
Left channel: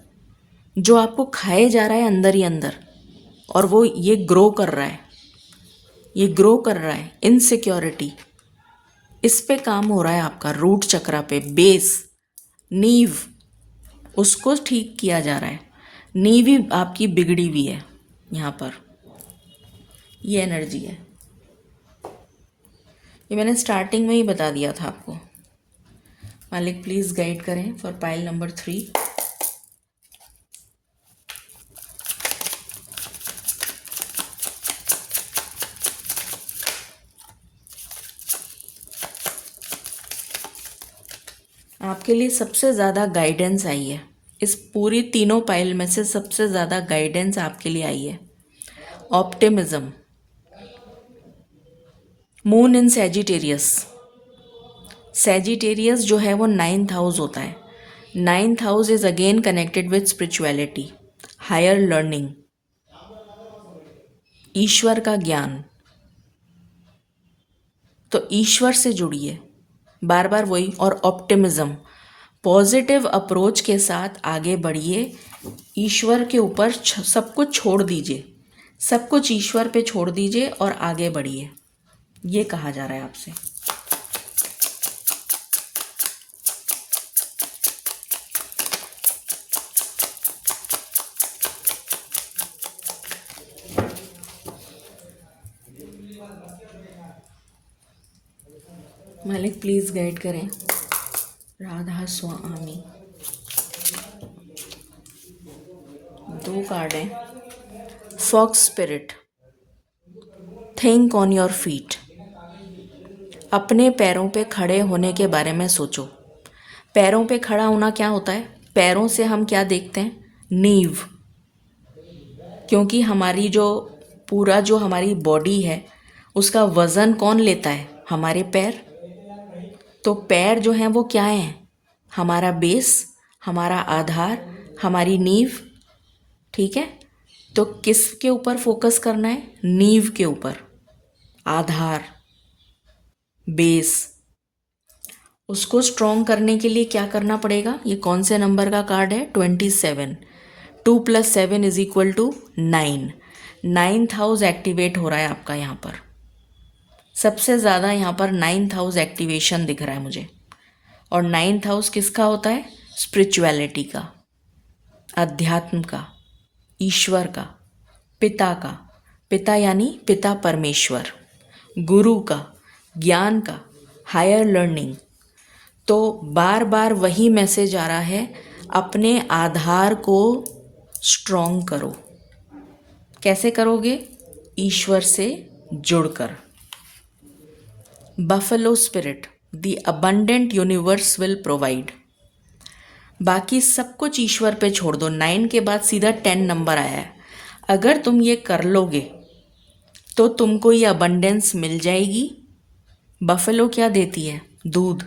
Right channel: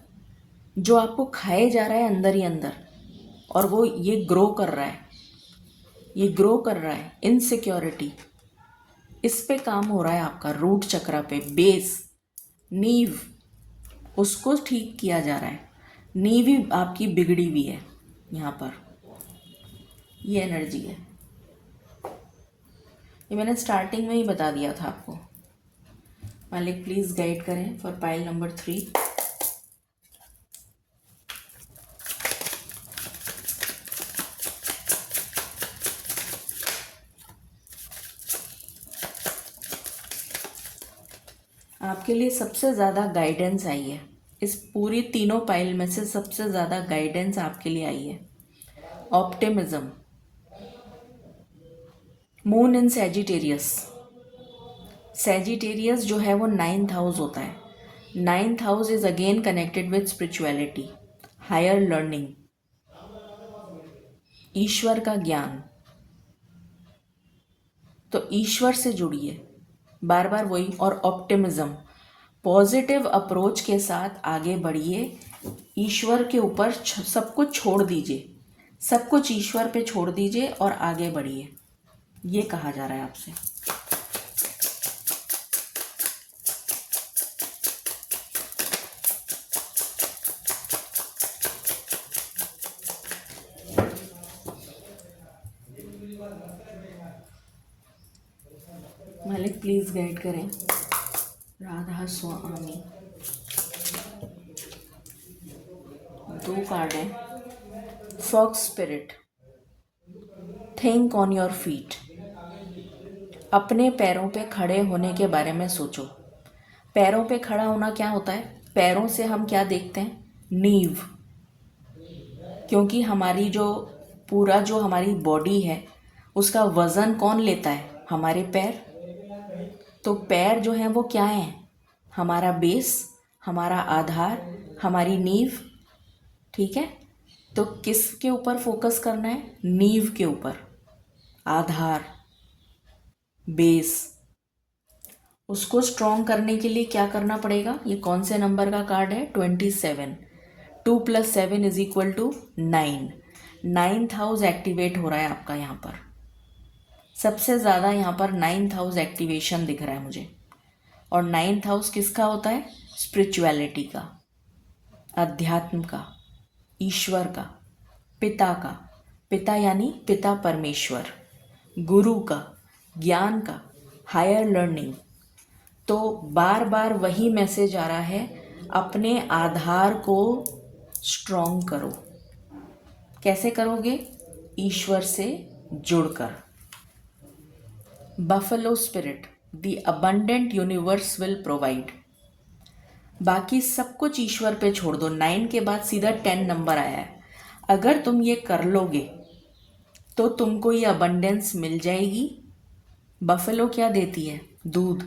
जो आपको खाए जा रहा है अंदर ही अंदर, और वो ये ग्रो कर रहा है, ये ग्रो कर रहा है। इनसिक्योरिटी, इस पे काम हो रहा है आपका रूट चक्रा पे। बेस, नींव, उसको ठीक किया जा रहा है। नींव ही आपकी बिगड़ी हुई है। यहाँ पर ये एनर्जी है। ये मैंने स्टार्टिंग में ही बता दिया था आपको। मालिक प्लीज़ गाइड करें फॉर पाइल नंबर 3। आपके लिए सबसे ज़्यादा गाइडेंस आई है इस पूरी तीनों पाइल में से। सबसे ज़्यादा गाइडेंस आपके लिए आई है optimism. Moon in Sagittarius. Sagittarius जो है वो 9th हाउस होता है। 9th house is again connected with spirituality, higher learning, ईश्वर का ज्ञान। तो ईश्वर से जुड़िए बार बार वही। और ऑप्टिमिज्म, पॉजिटिव अप्रोच के साथ आगे बढ़िए। ईश्वर के ऊपर सब कुछ छोड़ दीजिए, सब कुछ ईश्वर पे छोड़ दीजिए और आगे बढ़िए। ये कहा जा रहा है आपसे। मालिक प्लीज़ गाइड करें। राधा स्वामी, 2 कार्ड हैं। Fox spirit, think on your feet. अपने पैरों पे खड़े होने के बारे में सोचो। पैरों पे खड़ा होना क्या होता है? पैरों से हम क्या देखते हैं? नींव। क्योंकि हमारी जो हमारी बॉडी है उसका वज़न कौन लेता है? हमारे पैर। तो पैर जो हैं वो क्या हैं? हमारा बेस, हमारा आधार, हमारी नींव। ठीक है, तो किसके ऊपर फोकस करना है? नींव के ऊपर, आधार, बेस। उसको स्ट्रॉन्ग करने के लिए क्या करना पड़ेगा? ये कौन से नंबर का कार्ड है? 27। 2 + 7 = 9। 9th हाउस एक्टिवेट हो रहा है आपका यहाँ पर। सबसे ज़्यादा यहाँ पर 9th हाउस एक्टिवेशन दिख रहा है मुझे। और 9th हाउस किसका होता है? स्पिरिचुअलिटी का, अध्यात्म का, ईश्वर का, पिता का। पिता यानी पिता परमेश्वर, गुरु का, ज्ञान का, हायर लर्निंग। तो बार बार वही मैसेज आ रहा है, अपने आधार को स्ट्रॉन्ग करो। कैसे करोगे? ईश्वर से जुड़कर। Buffalo spirit, the abundant universe will provide. बाकी सब कुछ ईश्वर पे छोड़ दो। 9 के बाद सीधा 10 नंबर आया है। अगर तुम ये कर लोगे तो तुमको ये अबंडेंस मिल जाएगी। बफेलो क्या देती है? दूध,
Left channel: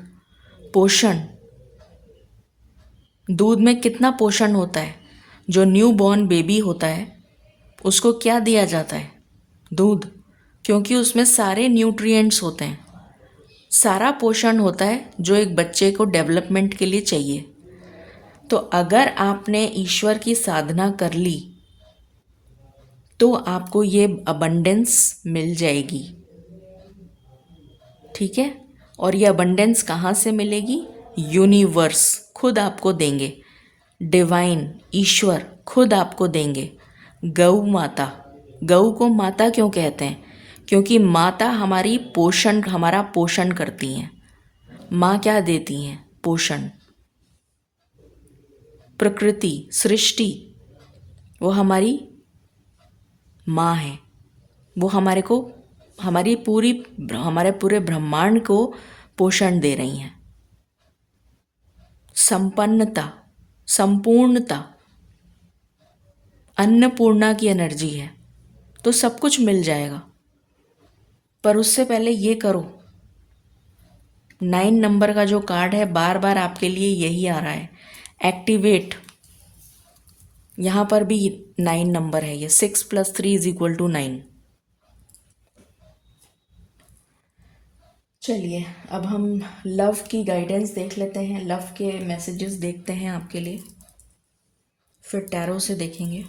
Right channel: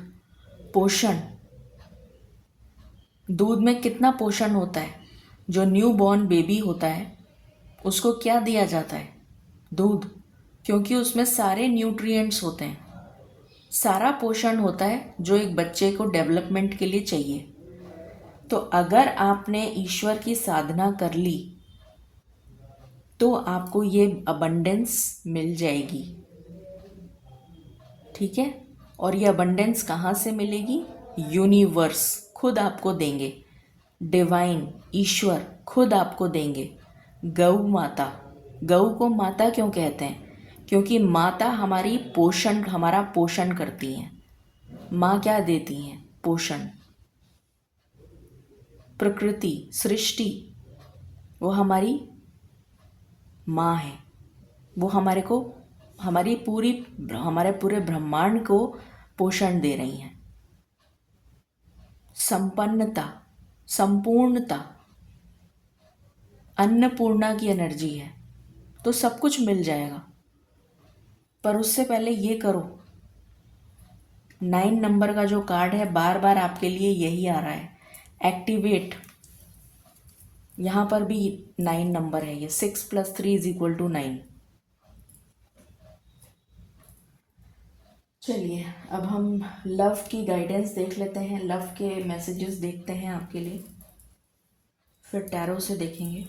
पोषण। दूध में कितना पोषण होता है? जो न्यू बॉर्न बेबी होता है उसको क्या दिया जाता है? दूध, क्योंकि उसमें सारे न्यूट्रिएंट्स होते हैं, सारा पोषण होता है जो एक बच्चे को डेवलपमेंट के लिए चाहिए। तो अगर आपने ईश्वर की साधना कर ली तो आपको ये अबंडेंस मिल जाएगी। ठीक है, और ये अबंडेंस कहाँ से मिलेगी? यूनिवर्स खुद आपको देंगे, डिवाइन ईश्वर खुद आपको देंगे। गौ माता, गौ को माता क्यों कहते हैं? क्योंकि माता हमारा पोषण करती हैं। माँ क्या देती हैं? पोषण। प्रकृति, सृष्टि, वो हमारी माँ है। वो हमारे पूरे ब्रह्मांड को पोषण दे रही हैं। संपन्नता, संपूर्णता, अन्नपूर्णा की एनर्जी है। तो सब कुछ मिल जाएगा, पर उससे पहले ये करो। 9 नंबर का जो कार्ड है बार बार आपके लिए यही आ रहा है, एक्टिवेट। यहाँ पर भी 9 नंबर है। ये 6 + 3 = 9। चलिए अब हम लव की गाइडेंस देख लेते हैं, लव के मैसेजेस देखते हैं आपके लिए, फिर टैरो से देखेंगे।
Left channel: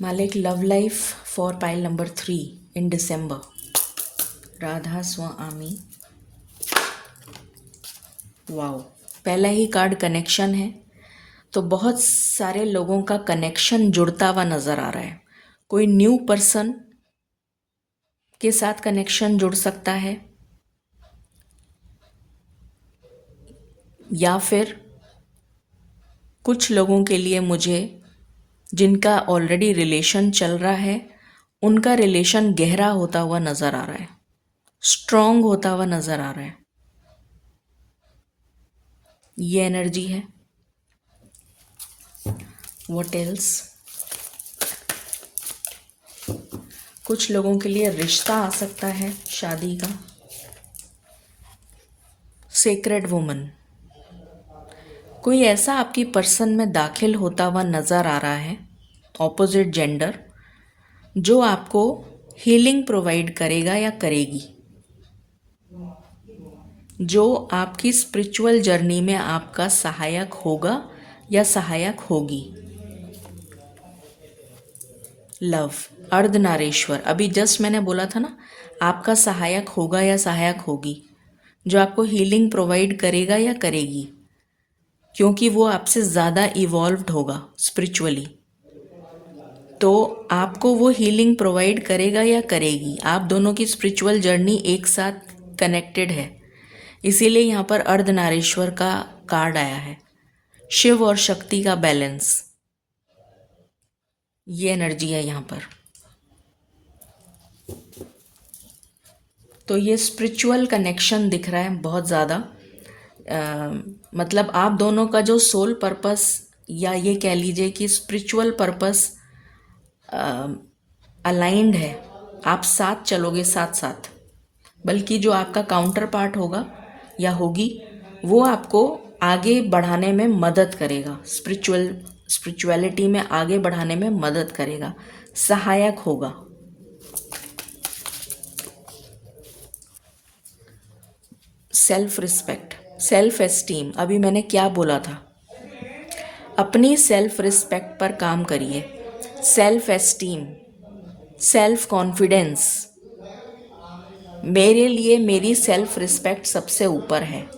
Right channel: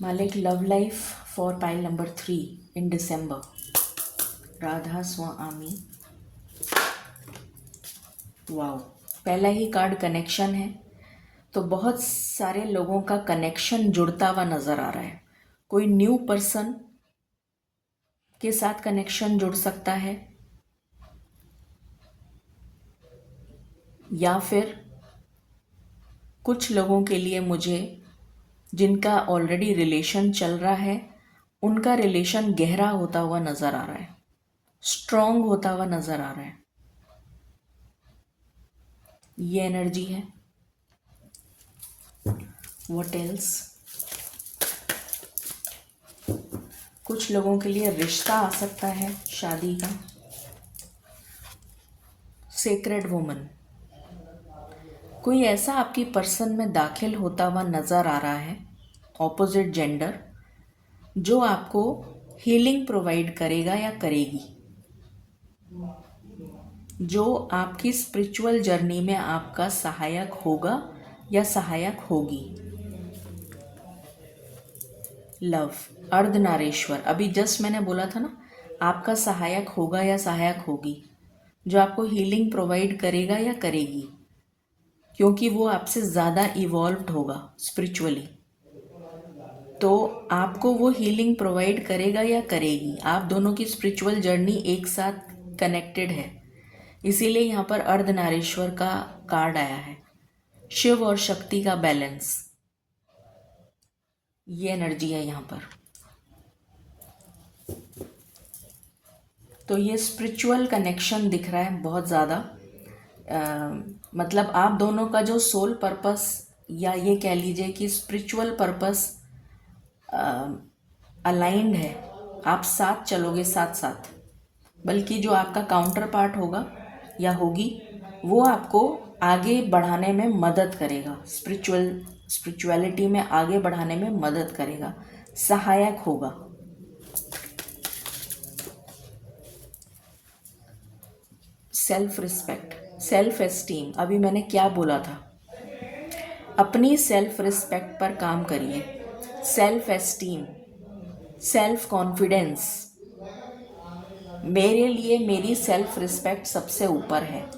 मालिक love life for pile number 3 in December. Radha Swami. Wow, पहला ही कार्ड कनेक्शन है। तो बहुत सारे लोगों का कनेक्शन जुड़ता हुआ नज़र आ रहा है। कोई न्यू पर्सन के साथ कनेक्शन जुड़ सकता है, या फिर कुछ लोगों के लिए मुझे जिनका ऑलरेडी रिलेशन चल रहा है उनका रिलेशन गहरा होता हुआ नज़र आ रहा है, स्ट्रॉन्ग होता हुआ नज़र आ रहा है। ये एनर्जी है। What else? कुछ लोगों के लिए रिश्ता आ सकता है शादी का। सेक्रेड वुमन, कोई ऐसा आपकी पर्सन में दाखिल होता हुआ नज़र आ रहा है, ऑपोजिट जेंडर, जो आपको हीलिंग प्रोवाइड करेगा या करेगी, जो आपकी स्पिरिचुअल जर्नी में आपका सहायक होगा या सहायक होगी। लव, अर्धनारीश्वर, अभी जस्ट मैंने बोला था ना, आपका सहायक होगा या सहायक होगी, जो आपको हीलिंग प्रोवाइड करेगा या करेगी, क्योंकि वो आपसे ज़्यादा इवॉल्व्ड होगा स्पिरिचुअली। तो आपको वो हीलिंग प्रोवाइड करेगा या करेगी। आप दोनों की स्पिरिचुअल जर्नी एक साथ कनेक्टेड है, इसीलिए यहाँ पर अर्धनारीश्वर का कार्ड आया है, शिव और शक्ति का बैलेंस, ये एनर्जी है यहाँ पर। तो ये स्पिरिचुअल कनेक्शन दिख रहा है बहुत ज़्यादा। मतलब आप दोनों का जो सोल पर्पस, या ये कह लीजिए कि स्पिरिचुअल पर्पस अलाइंड है। आप साथ चलोगे, साथ साथ। बल्कि जो आपका काउंटर पार्ट होगा या होगी, वो आपको आगे बढ़ाने में मदद करेगा, स्पिरिचुअलिटी में आगे बढ़ाने में मदद करेगा, सहायक होगा। सेल्फ रिस्पेक्ट, सेल्फ एस्टीम, अभी मैंने क्या बोला था, अपनी सेल्फ रिस्पेक्ट पर काम करिए। सेल्फ एस्टीम, सेल्फ कॉन्फिडेंस, मेरे लिए मेरी सेल्फ रिस्पेक्ट सबसे ऊपर है।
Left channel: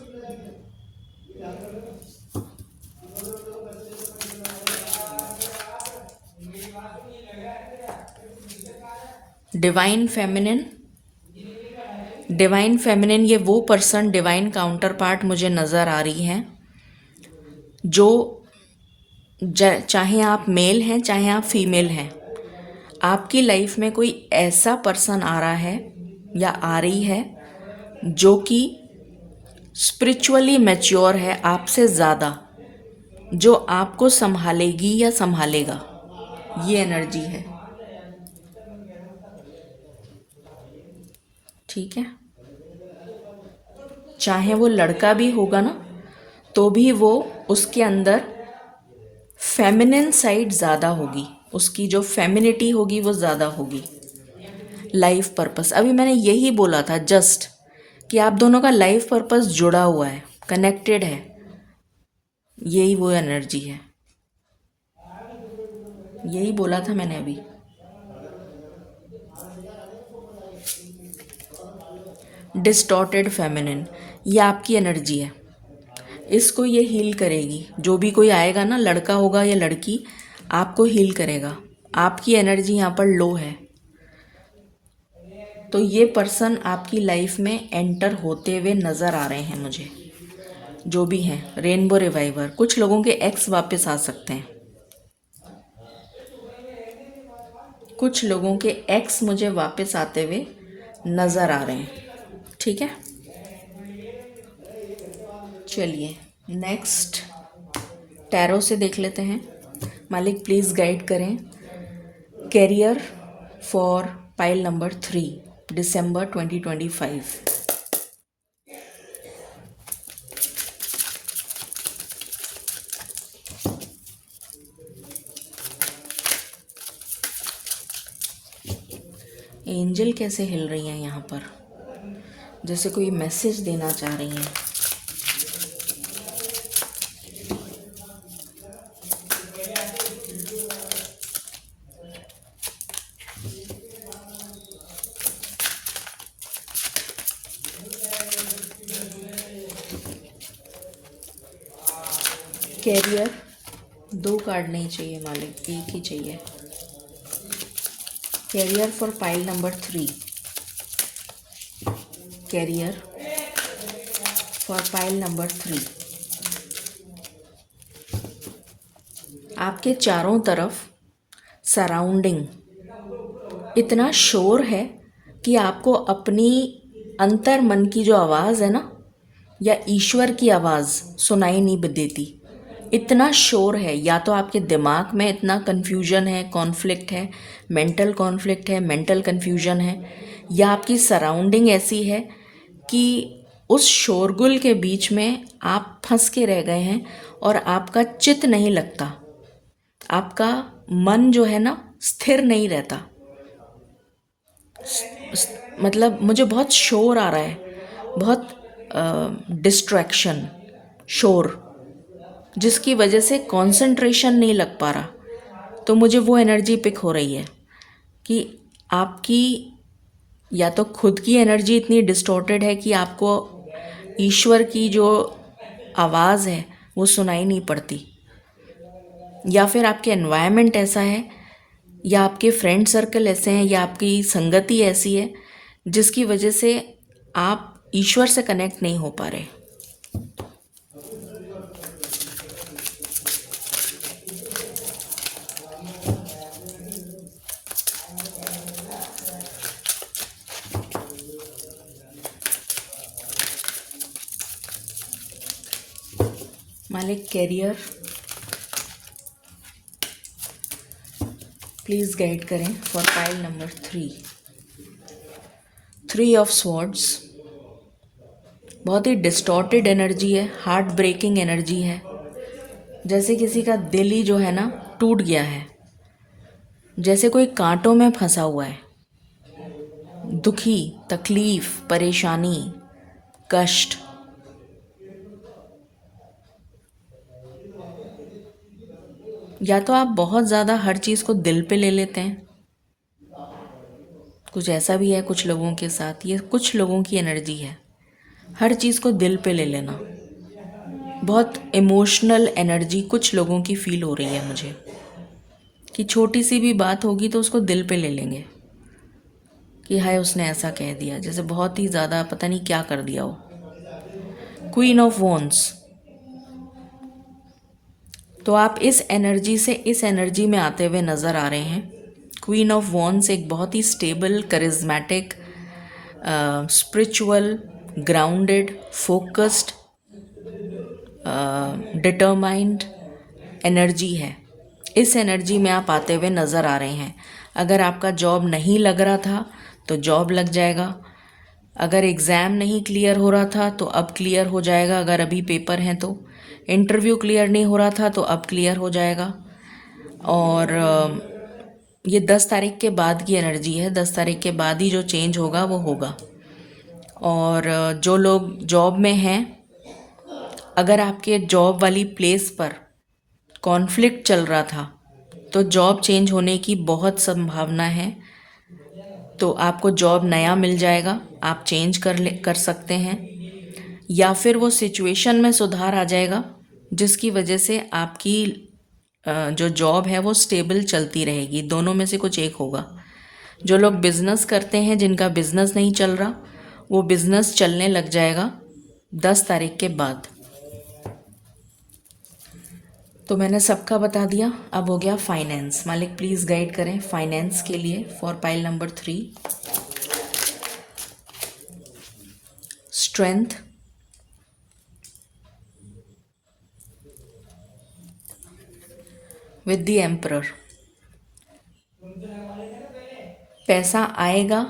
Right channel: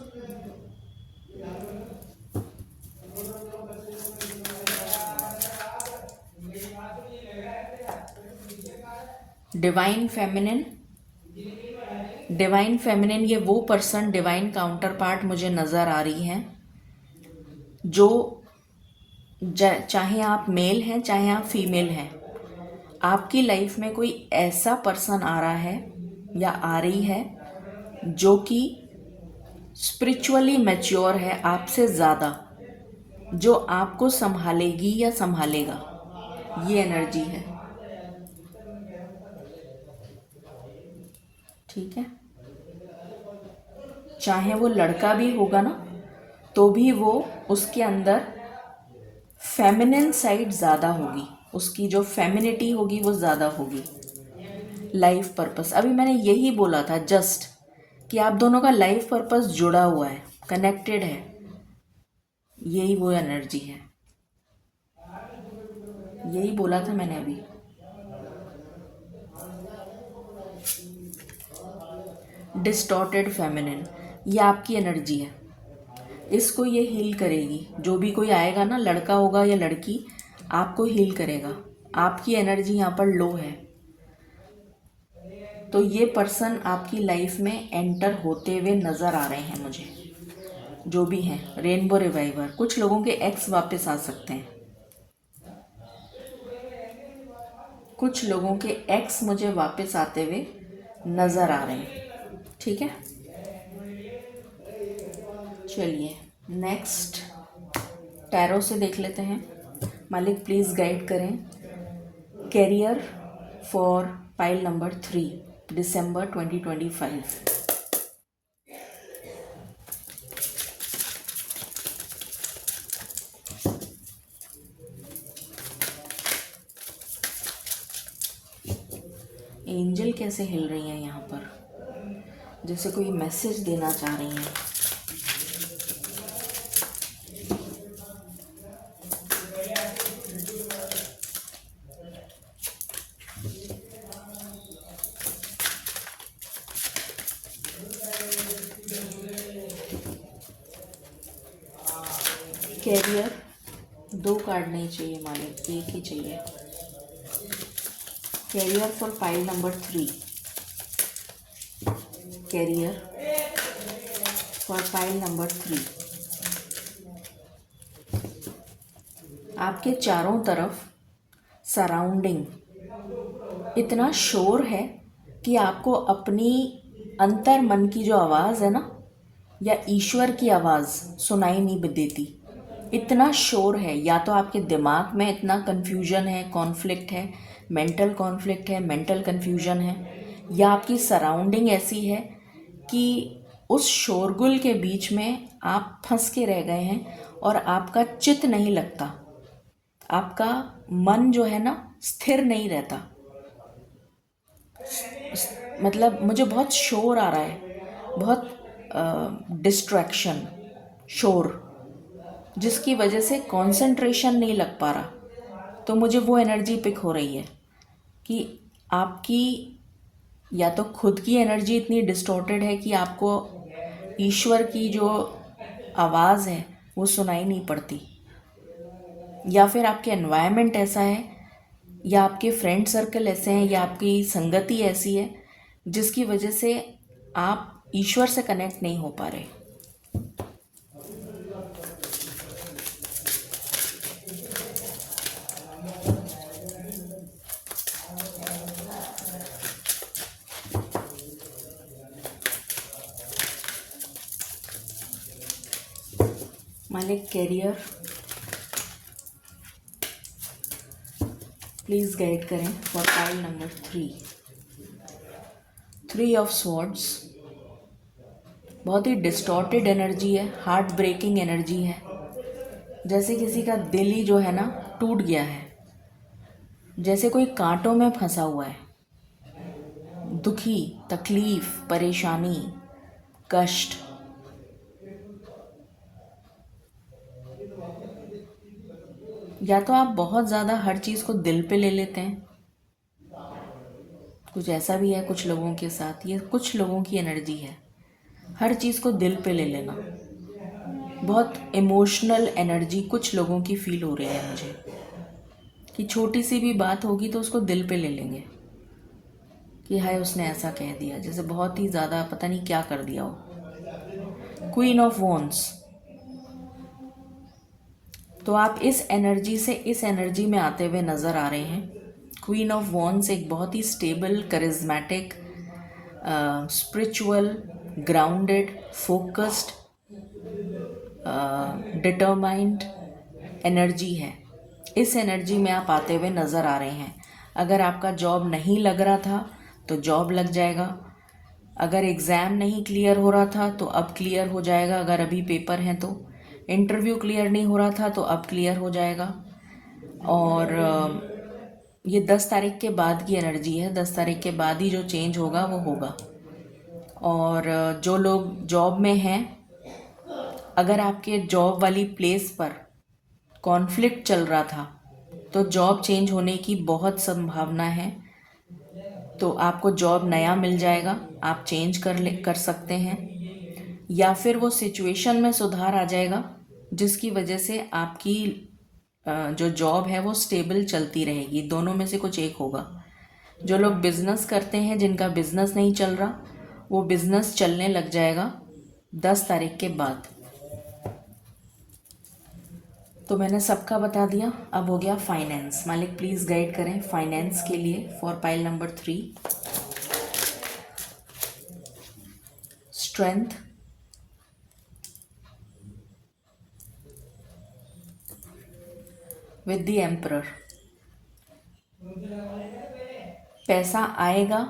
डिवाइन फेमिनिन, डिवाइन फेमिनिन, ये वो पर्सन, डिवाइन काउंटर पार्ट मुझे नज़र आ रही हैं जो चाहे आप मेल हैं चाहे आप फीमेल हैं, आपकी लाइफ में कोई ऐसा पर्सन आ रहा है या आ रही है जो कि स्पिरिचुअली मैच्योर है आपसे ज़्यादा, जो आपको संभालेगी या संभालेगा, ये एनर्जी है। ठीक है, चाहे वो लड़का भी होगा ना, तो भी वो उसके अंदर फेमिनिन साइड ज़्यादा होगी, उसकी जो फेमिनिटी होगी वो ज़्यादा होगी। लाइफ पर्पस, अभी मैंने यही बोला था जस्ट, कि आप दोनों का लाइफ पर्पस जुड़ा हुआ है, कनेक्टेड है, यही वो एनर्जी है, यही बोला था मैंने अभी। डिस्टॉर्टेड फेमिनिन, ये आपकी एनर्जी है, इसको ये हील करेगी। जो भी कोई आएगा ना, लड़का होगा या लड़की, आपको हील करेगा। आपकी एनर्जी यहाँ पर लो है, तो ये पर्सन आपकी लाइफ में एंटर होते हुए नज़र आ रहे हैं मुझे, जो भी हैं। रेनबो रिवाइवर, कुछ लोगों के एक्स वापस आ सकते हैं, कुछ लोगों के एक्स मुझे वापस आते हुए नज़र आ रहे हैं। ठीक है, चलिए नेक्स्ट टैरो से देख लेते हैं। मालिक प्लीज़ गाइड करें कैरियर फॉर पाइल नंबर 3, दिसंबर 2025। एंजल कैसे हिल रही हैं यहाँ पर, जैसे कोई मैसेज देना चाह रही हैं। कैरियर, 2 कार्ड नहीं चाहिए मालिक, एक ही चाहिए। Career for pile number 3, career for pile number 3। आपके चारों तरफ सराउंडिंग इतना शोर है कि आपको अपनी अंतर मन की जो आवाज़ है ना, या ईश्वर की आवाज़ सुनाई नहीं देती। इतना शोर है, या तो आपके दिमाग में इतना कन्फ्यूजन है, कॉन्फ्लिक्ट है, मेंटल कॉन्फ्लिक्ट है, मेंटल कन्फ्यूजन है, या आपकी सराउंडिंग ऐसी है कि उस शोरगुल के बीच में आप फंस के रह गए हैं और आपका चित्त नहीं लगता, आपका मन जो है ना स्थिर नहीं रहता। मतलब मुझे बहुत शोर आ रहा है, बहुत डिस्ट्रैक्शन, शोर, जिसकी वजह से कंसंट्रेशन नहीं लग पा रहा। तो मुझे वो एनर्जी पिक हो रही है कि आपकी या तो खुद की एनर्जी इतनी डिस्टॉर्टेड है कि आपको ईश्वर की जो आवाज़ है वो सुनाई नहीं पड़ती, या फिर आपके एनवायरनमेंट ऐसा है या आपके फ्रेंड सर्कल ऐसे हैं या आपकी संगति ऐसी है जिसकी वजह से आप ईश्वर से कनेक्ट नहीं हो पा रहे। मालिक कैरियर प्लीज गाइड करें for pile number 3 of swords. बहुत ही डिस्टॉर्टेड एनर्जी है, हार्ट ब्रेकिंग एनर्जी है, जैसे किसी का दिल ही जो है ना टूट गया है, जैसे कोई कांटों में फंसा हुआ है, दुखी, तकलीफ, परेशानी, कष्ट। या तो आप बहुत ज़्यादा हर चीज़ को दिल पे ले लेते हैं, कुछ ऐसा भी है कुछ लोगों के साथ, ये कुछ लोगों की एनर्जी है, हर चीज़ को दिल पे ले लेना। बहुत इमोशनल एनर्जी कुछ लोगों की फील हो रही है मुझे, कि छोटी सी भी बात होगी तो उसको दिल पे ले लेंगे कि हाय उसने ऐसा कह दिया, जैसे बहुत ही ज़्यादा पता नहीं क्या कर दिया हो। क्वीन ऑफ वॉन्ड्स, तो आप इस एनर्जी से इस एनर्जी में आते हुए नज़र आ रहे हैं। क्वीन ऑफ वॉन्ड्स एक बहुत ही stable, charismatic, spiritual, grounded, focused, determined energy है। इस एनर्जी में आप आते हुए नज़र आ रहे हैं। अगर आपका जॉब नहीं लग रहा था तो जॉब लग जाएगा, अगर एग्ज़ाम नहीं क्लियर हो रहा था तो अब क्लियर हो जाएगा, अगर अभी पेपर हैं तो इंटरव्यू क्लियर नहीं हो रहा था तो अब क्लियर हो जाएगा। और ये 10 तारीख के बाद की एनर्जी है, 10 तारीख के बाद ही जो चेंज होगा वो होगा। और जो लोग जॉब में हैं, अगर आपके जॉब वाली प्लेस पर कॉन्फ्लिक्ट चल रहा था तो जॉब चेंज होने की बहुत संभावना है, तो आपको जॉब नया मिल जाएगा, आप चेंज कर सकते हैं, या फिर वो सिचुएशन में सुधार आ जाएगा जिसकी वजह से आपकी जो जॉब है वो स्टेबल चलती रहेगी। दोनों में से कुछ एक होगा। जो लोग बिज़नेस करते हैं, जिनका बिज़नेस नहीं चल रहा, वो बिज़नेस चलने लग जाएगा 10 तारीख के बाद। तो मैंने सबका बता दिया, अब हो गया फाइनेंस। मालिक प्लीज़ गाइड करें फाइनेंस के लिए for pile number 3। Strength, with the emperor. पैसा आएगा,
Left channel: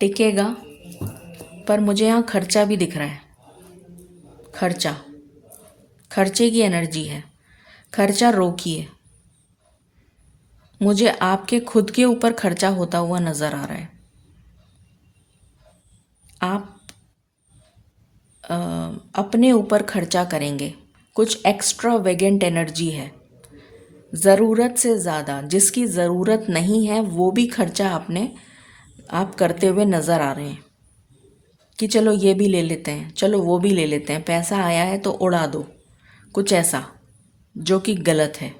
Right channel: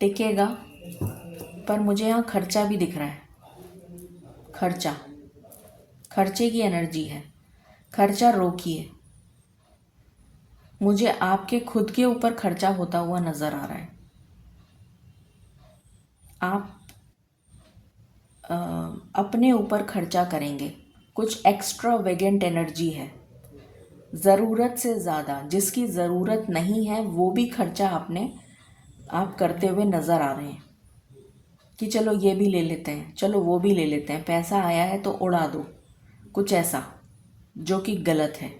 टिकेगा, पर मुझे यहाँ खर्चा भी दिख रहा है। खर्चे की एनर्जी है, खर्चा रोकिए। मुझे आपके खुद के ऊपर खर्चा होता हुआ नज़र आ रहा है। आप अपने ऊपर खर्चा करेंगे, कुछ एक्स्ट्रा वेगेंट एनर्जी है, ज़रूरत से ज़्यादा, जिसकी ज़रूरत नहीं है वो भी खर्चा आप करते हुए नज़र आ रहे हैं कि चलो ये भी ले लेते हैं, चलो वो भी ले लेते हैं, पैसा आया है तो उड़ा दो, कुछ ऐसा जो कि गलत है।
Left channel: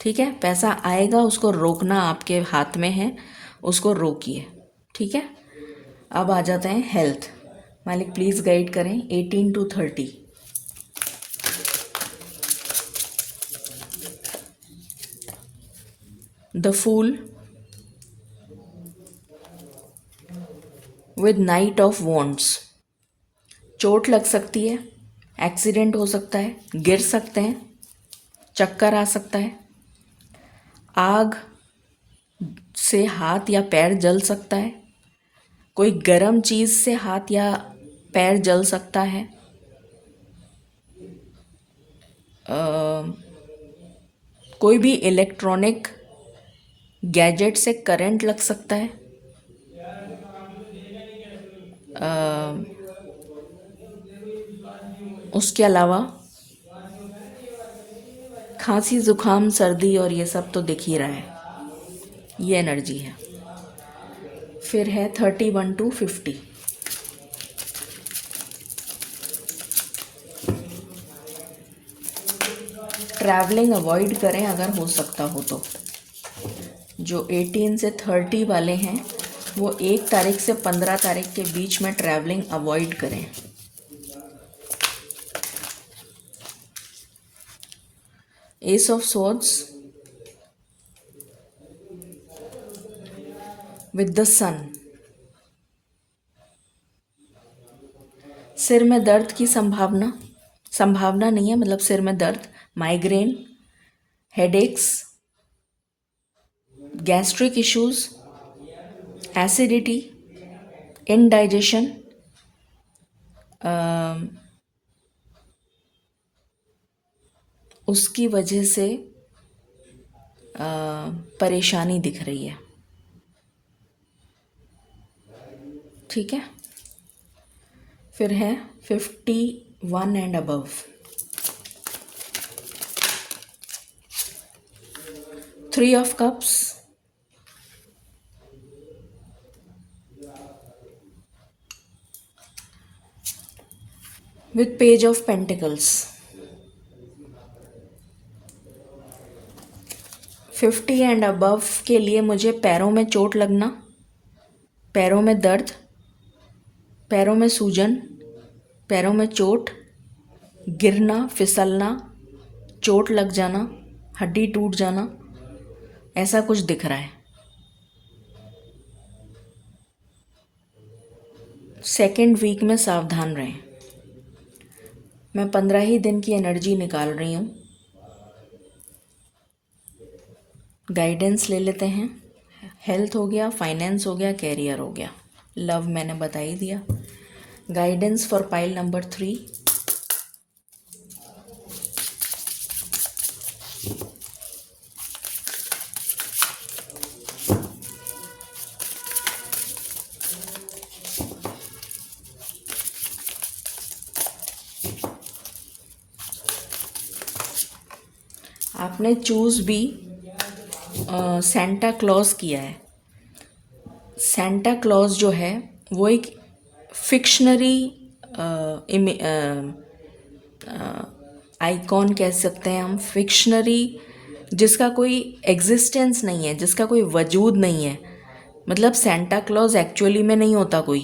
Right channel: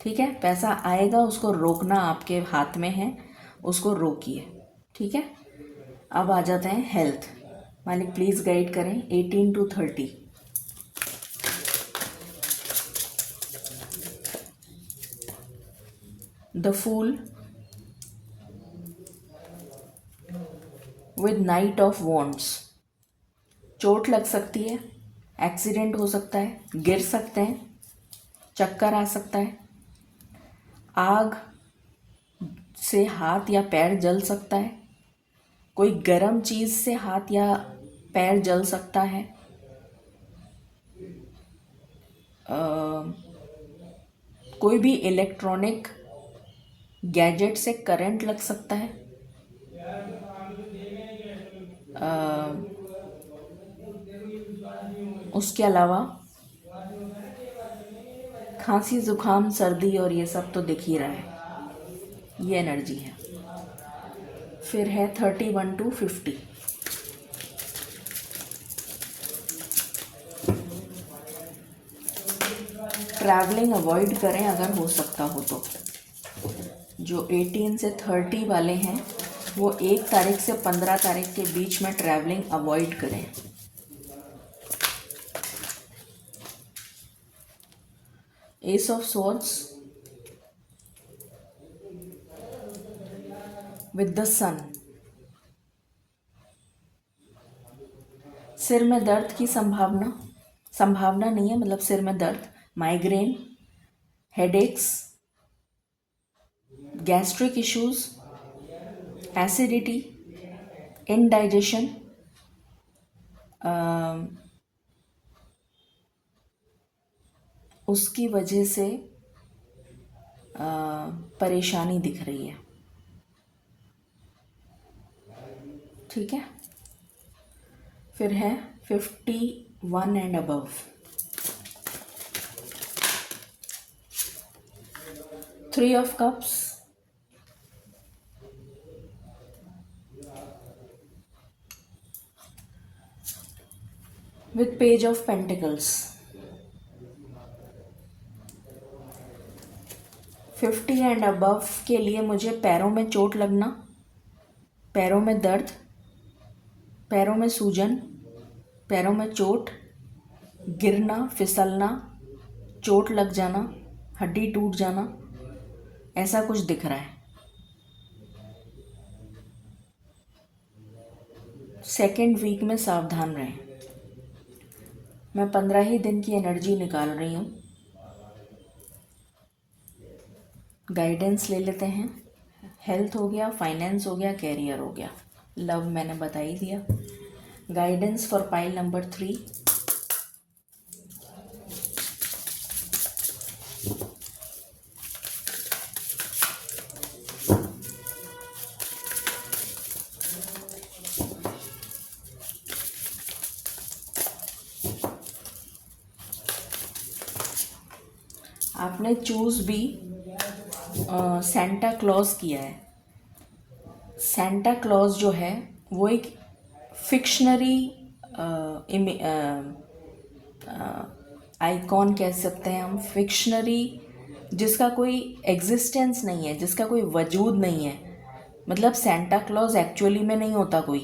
ठीक है, पैसा आएगा, उसको रोकना आपके हाथ में है, उसको रोकिए। ठीक है, अब आ जाते हैं हेल्थ। मालिक प्लीज़ गाइड करें 18 to 30। The fool with knight of wands. चोट लग सकती है, एक्सीडेंट हो सकता है, गिर सकते हैं, चक्कर आ सकता है, आग से हाथ या पैर जल सकता है, कोई गर्म चीज़ से हाथ या पैर जल सकता है, कोई भी इलेक्ट्रॉनिक गैजेट से करंट लग सकता है, उसके अलावा खांसी, जुकाम, सर्दी और ये सब तो दिख ही रहा है, ये एनर्जी है। फिर है 31 to 50। ट्रैवलिंग अवॉइड करें अगर हो सकता हो तो। जो 18 से 30 वाले हैं वो 1 तारीख से 15 तारीख के बीच में ट्रैवलिंग अवॉइड करें। Ace of swords with the sun. सिर में दर्द की संभावना नहीं है, मतलब सिर में दर्द, migraine, headaches, gastric issues, acidity, indigestion, उसकी वजह से परेशानी दिख रही है। ठीक है, फिर है 51 and above. Three of cups, with page of pentacles. 50 and above के लिए मुझे पैरों में चोट लगना, पैरों में दर्द, पैरों में सूजन, पैरों में चोट, गिरना, फिसलना, चोट लग जाना, हड्डी टूट जाना, ऐसा कुछ दिख रहा है। सेकेंड वीक में सावधान रहें। मैं 15 ही दिन की एनर्जी निकाल रही हूँ। गाइडेंस ले लेते हैं। हेल्थ हो गया, फाइनेंस हो गया, कैरियर हो गया, लव मैंने बता ही दिया। Guidance for pile number 3। आपने चूज भी सेंटा क्लॉज किया है। सेंटा क्लॉज जो है वो एक फिक्शनरी आइकॉन कह सकते हैं हम, फिक्शनरी, जिसका कोई एग्जिस्टेंस नहीं है, जिसका कोई वजूद नहीं है। मतलब सेंटा क्लॉज एक्चुअली में नहीं होता कोई,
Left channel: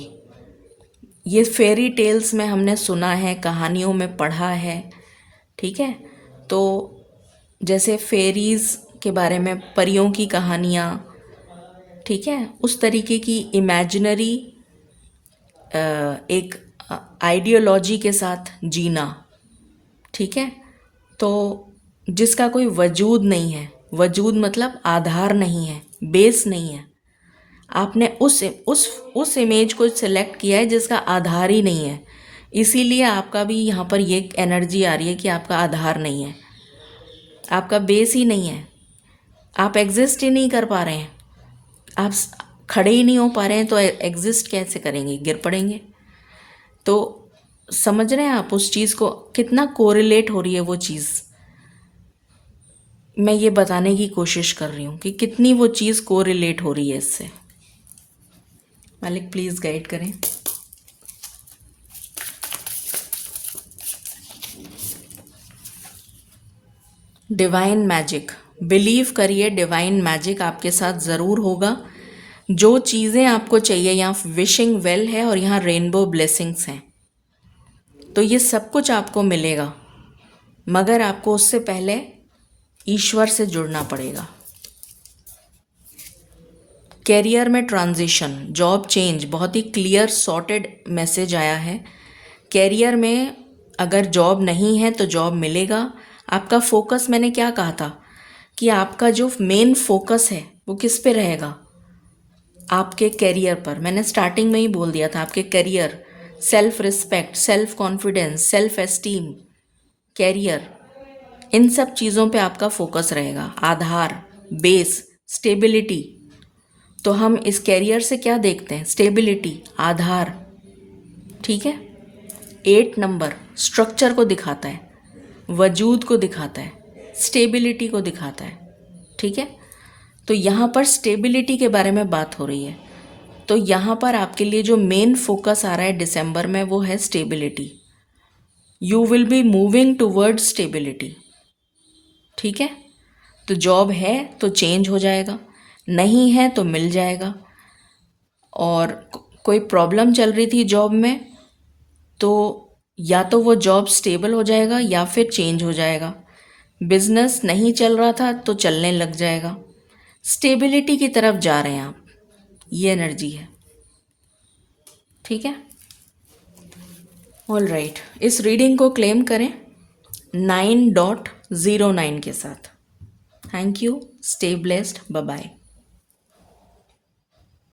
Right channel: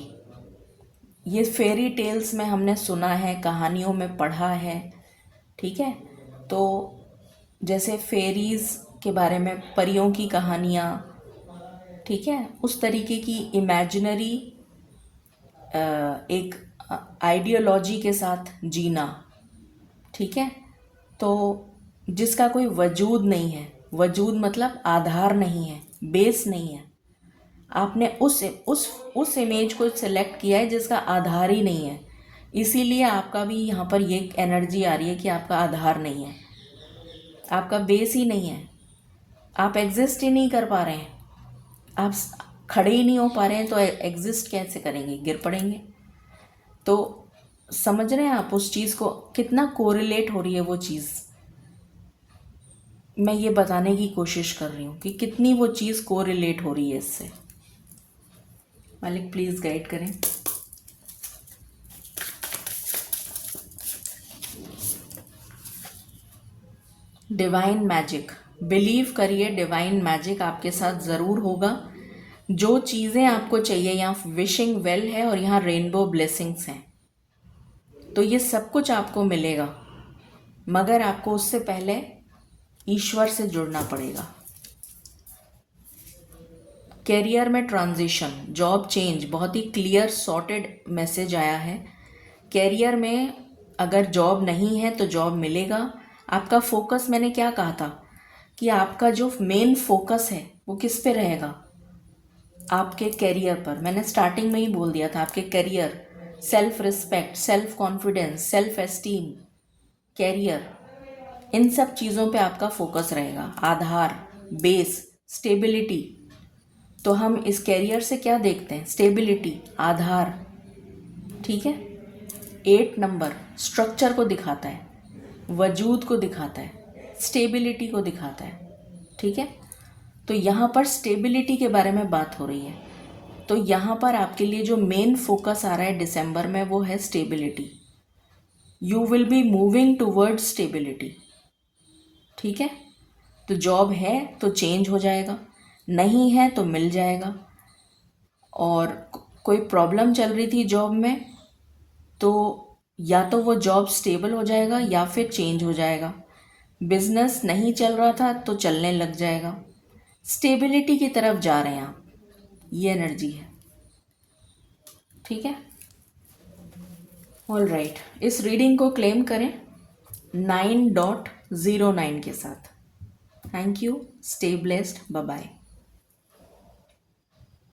ये फेरी टेल्स में हमने सुना है, कहानियों में पढ़ा है। ठीक है, तो जैसे फेरीज़ के बारे में, परियों की कहानियाँ, ठीक है, उस तरीके की इमेजिनरी एक आइडियोलॉजी के साथ जीना। ठीक है, तो जिसका कोई वजूद नहीं है, वजूद मतलब आधार नहीं है, बेस नहीं है। आपने उस इमेज को सिलेक्ट किया है जिसका आधार ही नहीं है, इसीलिए आपका भी यहाँ पर ये एनर्जी आ रही है कि आपका आधार नहीं है, आपका बेस ही नहीं है, आप एग्जिस्ट ही नहीं कर पा रहे हैं, आप खड़े ही नहीं हो पा रहे हैं, तो एग्जिस्ट कैसे करेंगे, गिर पड़ेंगे। तो समझ रहे हैं आप उस चीज़ को, कितना कोरिलेट हो रही है वो चीज़। मैं ये बताने की कोशिश कर रही हूँ कि कितनी वो चीज़ कोरिलेट हो रही है इससे। मालिक प्लीज़ गाइड करें। डिवाइन मैजिक, बिलीव करिए, डिवाइन मैजिक आपके साथ ज़रूर होगा। जो चीज़ें आपको चाहिए, यहाँ विशिंग वेल है और यहाँ रेनबो ब्लेसिंग्स हैं, तो ये सब कुछ आपको मिलेगा, मगर आपको उससे पहले ईश्वर से जुड़ना पड़ेगा। कैरियर में ट्रांजिशन, जॉब चेंज, बहुत ही क्लियर सॉर्टेड मैसेज आया है। कैरियर में अगर जॉब नहीं है तो जॉब मिलेगा। आपका फोकस, मैंने क्या कहा था कि आपका जो मेन फोकस है वो किस पे रहेगा, आपके कैरियर पर। मैंने स्टार्टिंग में ही बोल दिया था, आपके career, self respect, self confidence, self esteem, career, इन सब चीज़ों पे आपका फोकस रहेगा। आधार, बेस, स्टेबिलिटी। तो हम इस कैरियर से क्या देखते हैं, स्टेबिलिटी, आधार। ठीक है, 8 नंबर स्ट्रक्चर को दिखाता है, वजूद को दिखाता है, स्टेबिलिटी को दिखाता है। ठीक है, तो यहाँ पर स्टेबिलिटी के बारे में बात हो रही है। तो यहाँ पर आपके लिए जो मेन फोकस आ रहा है दिसंबर में वो है stability. You will be moving toward stability. ठीक है, तो जॉब है तो चेंज हो जाएगा, नहीं है तो मिल जाएगा। और कोई प्रॉब्लम चल रही थी जॉब में, तो या तो वो जॉब स्टेबल हो जाएगा या फिर चेंज हो जाएगा। बिजनेस नहीं चल रहा था तो चलने लग जाएगा। स्टेबिलिटी की तरफ जा रहे हैं आप, ये एनर्जी है। ठीक है, ऑल राइट। इस रीडिंग को क्लेम करें 9.09 के साथ। Thank you, stay blessed, bye bye.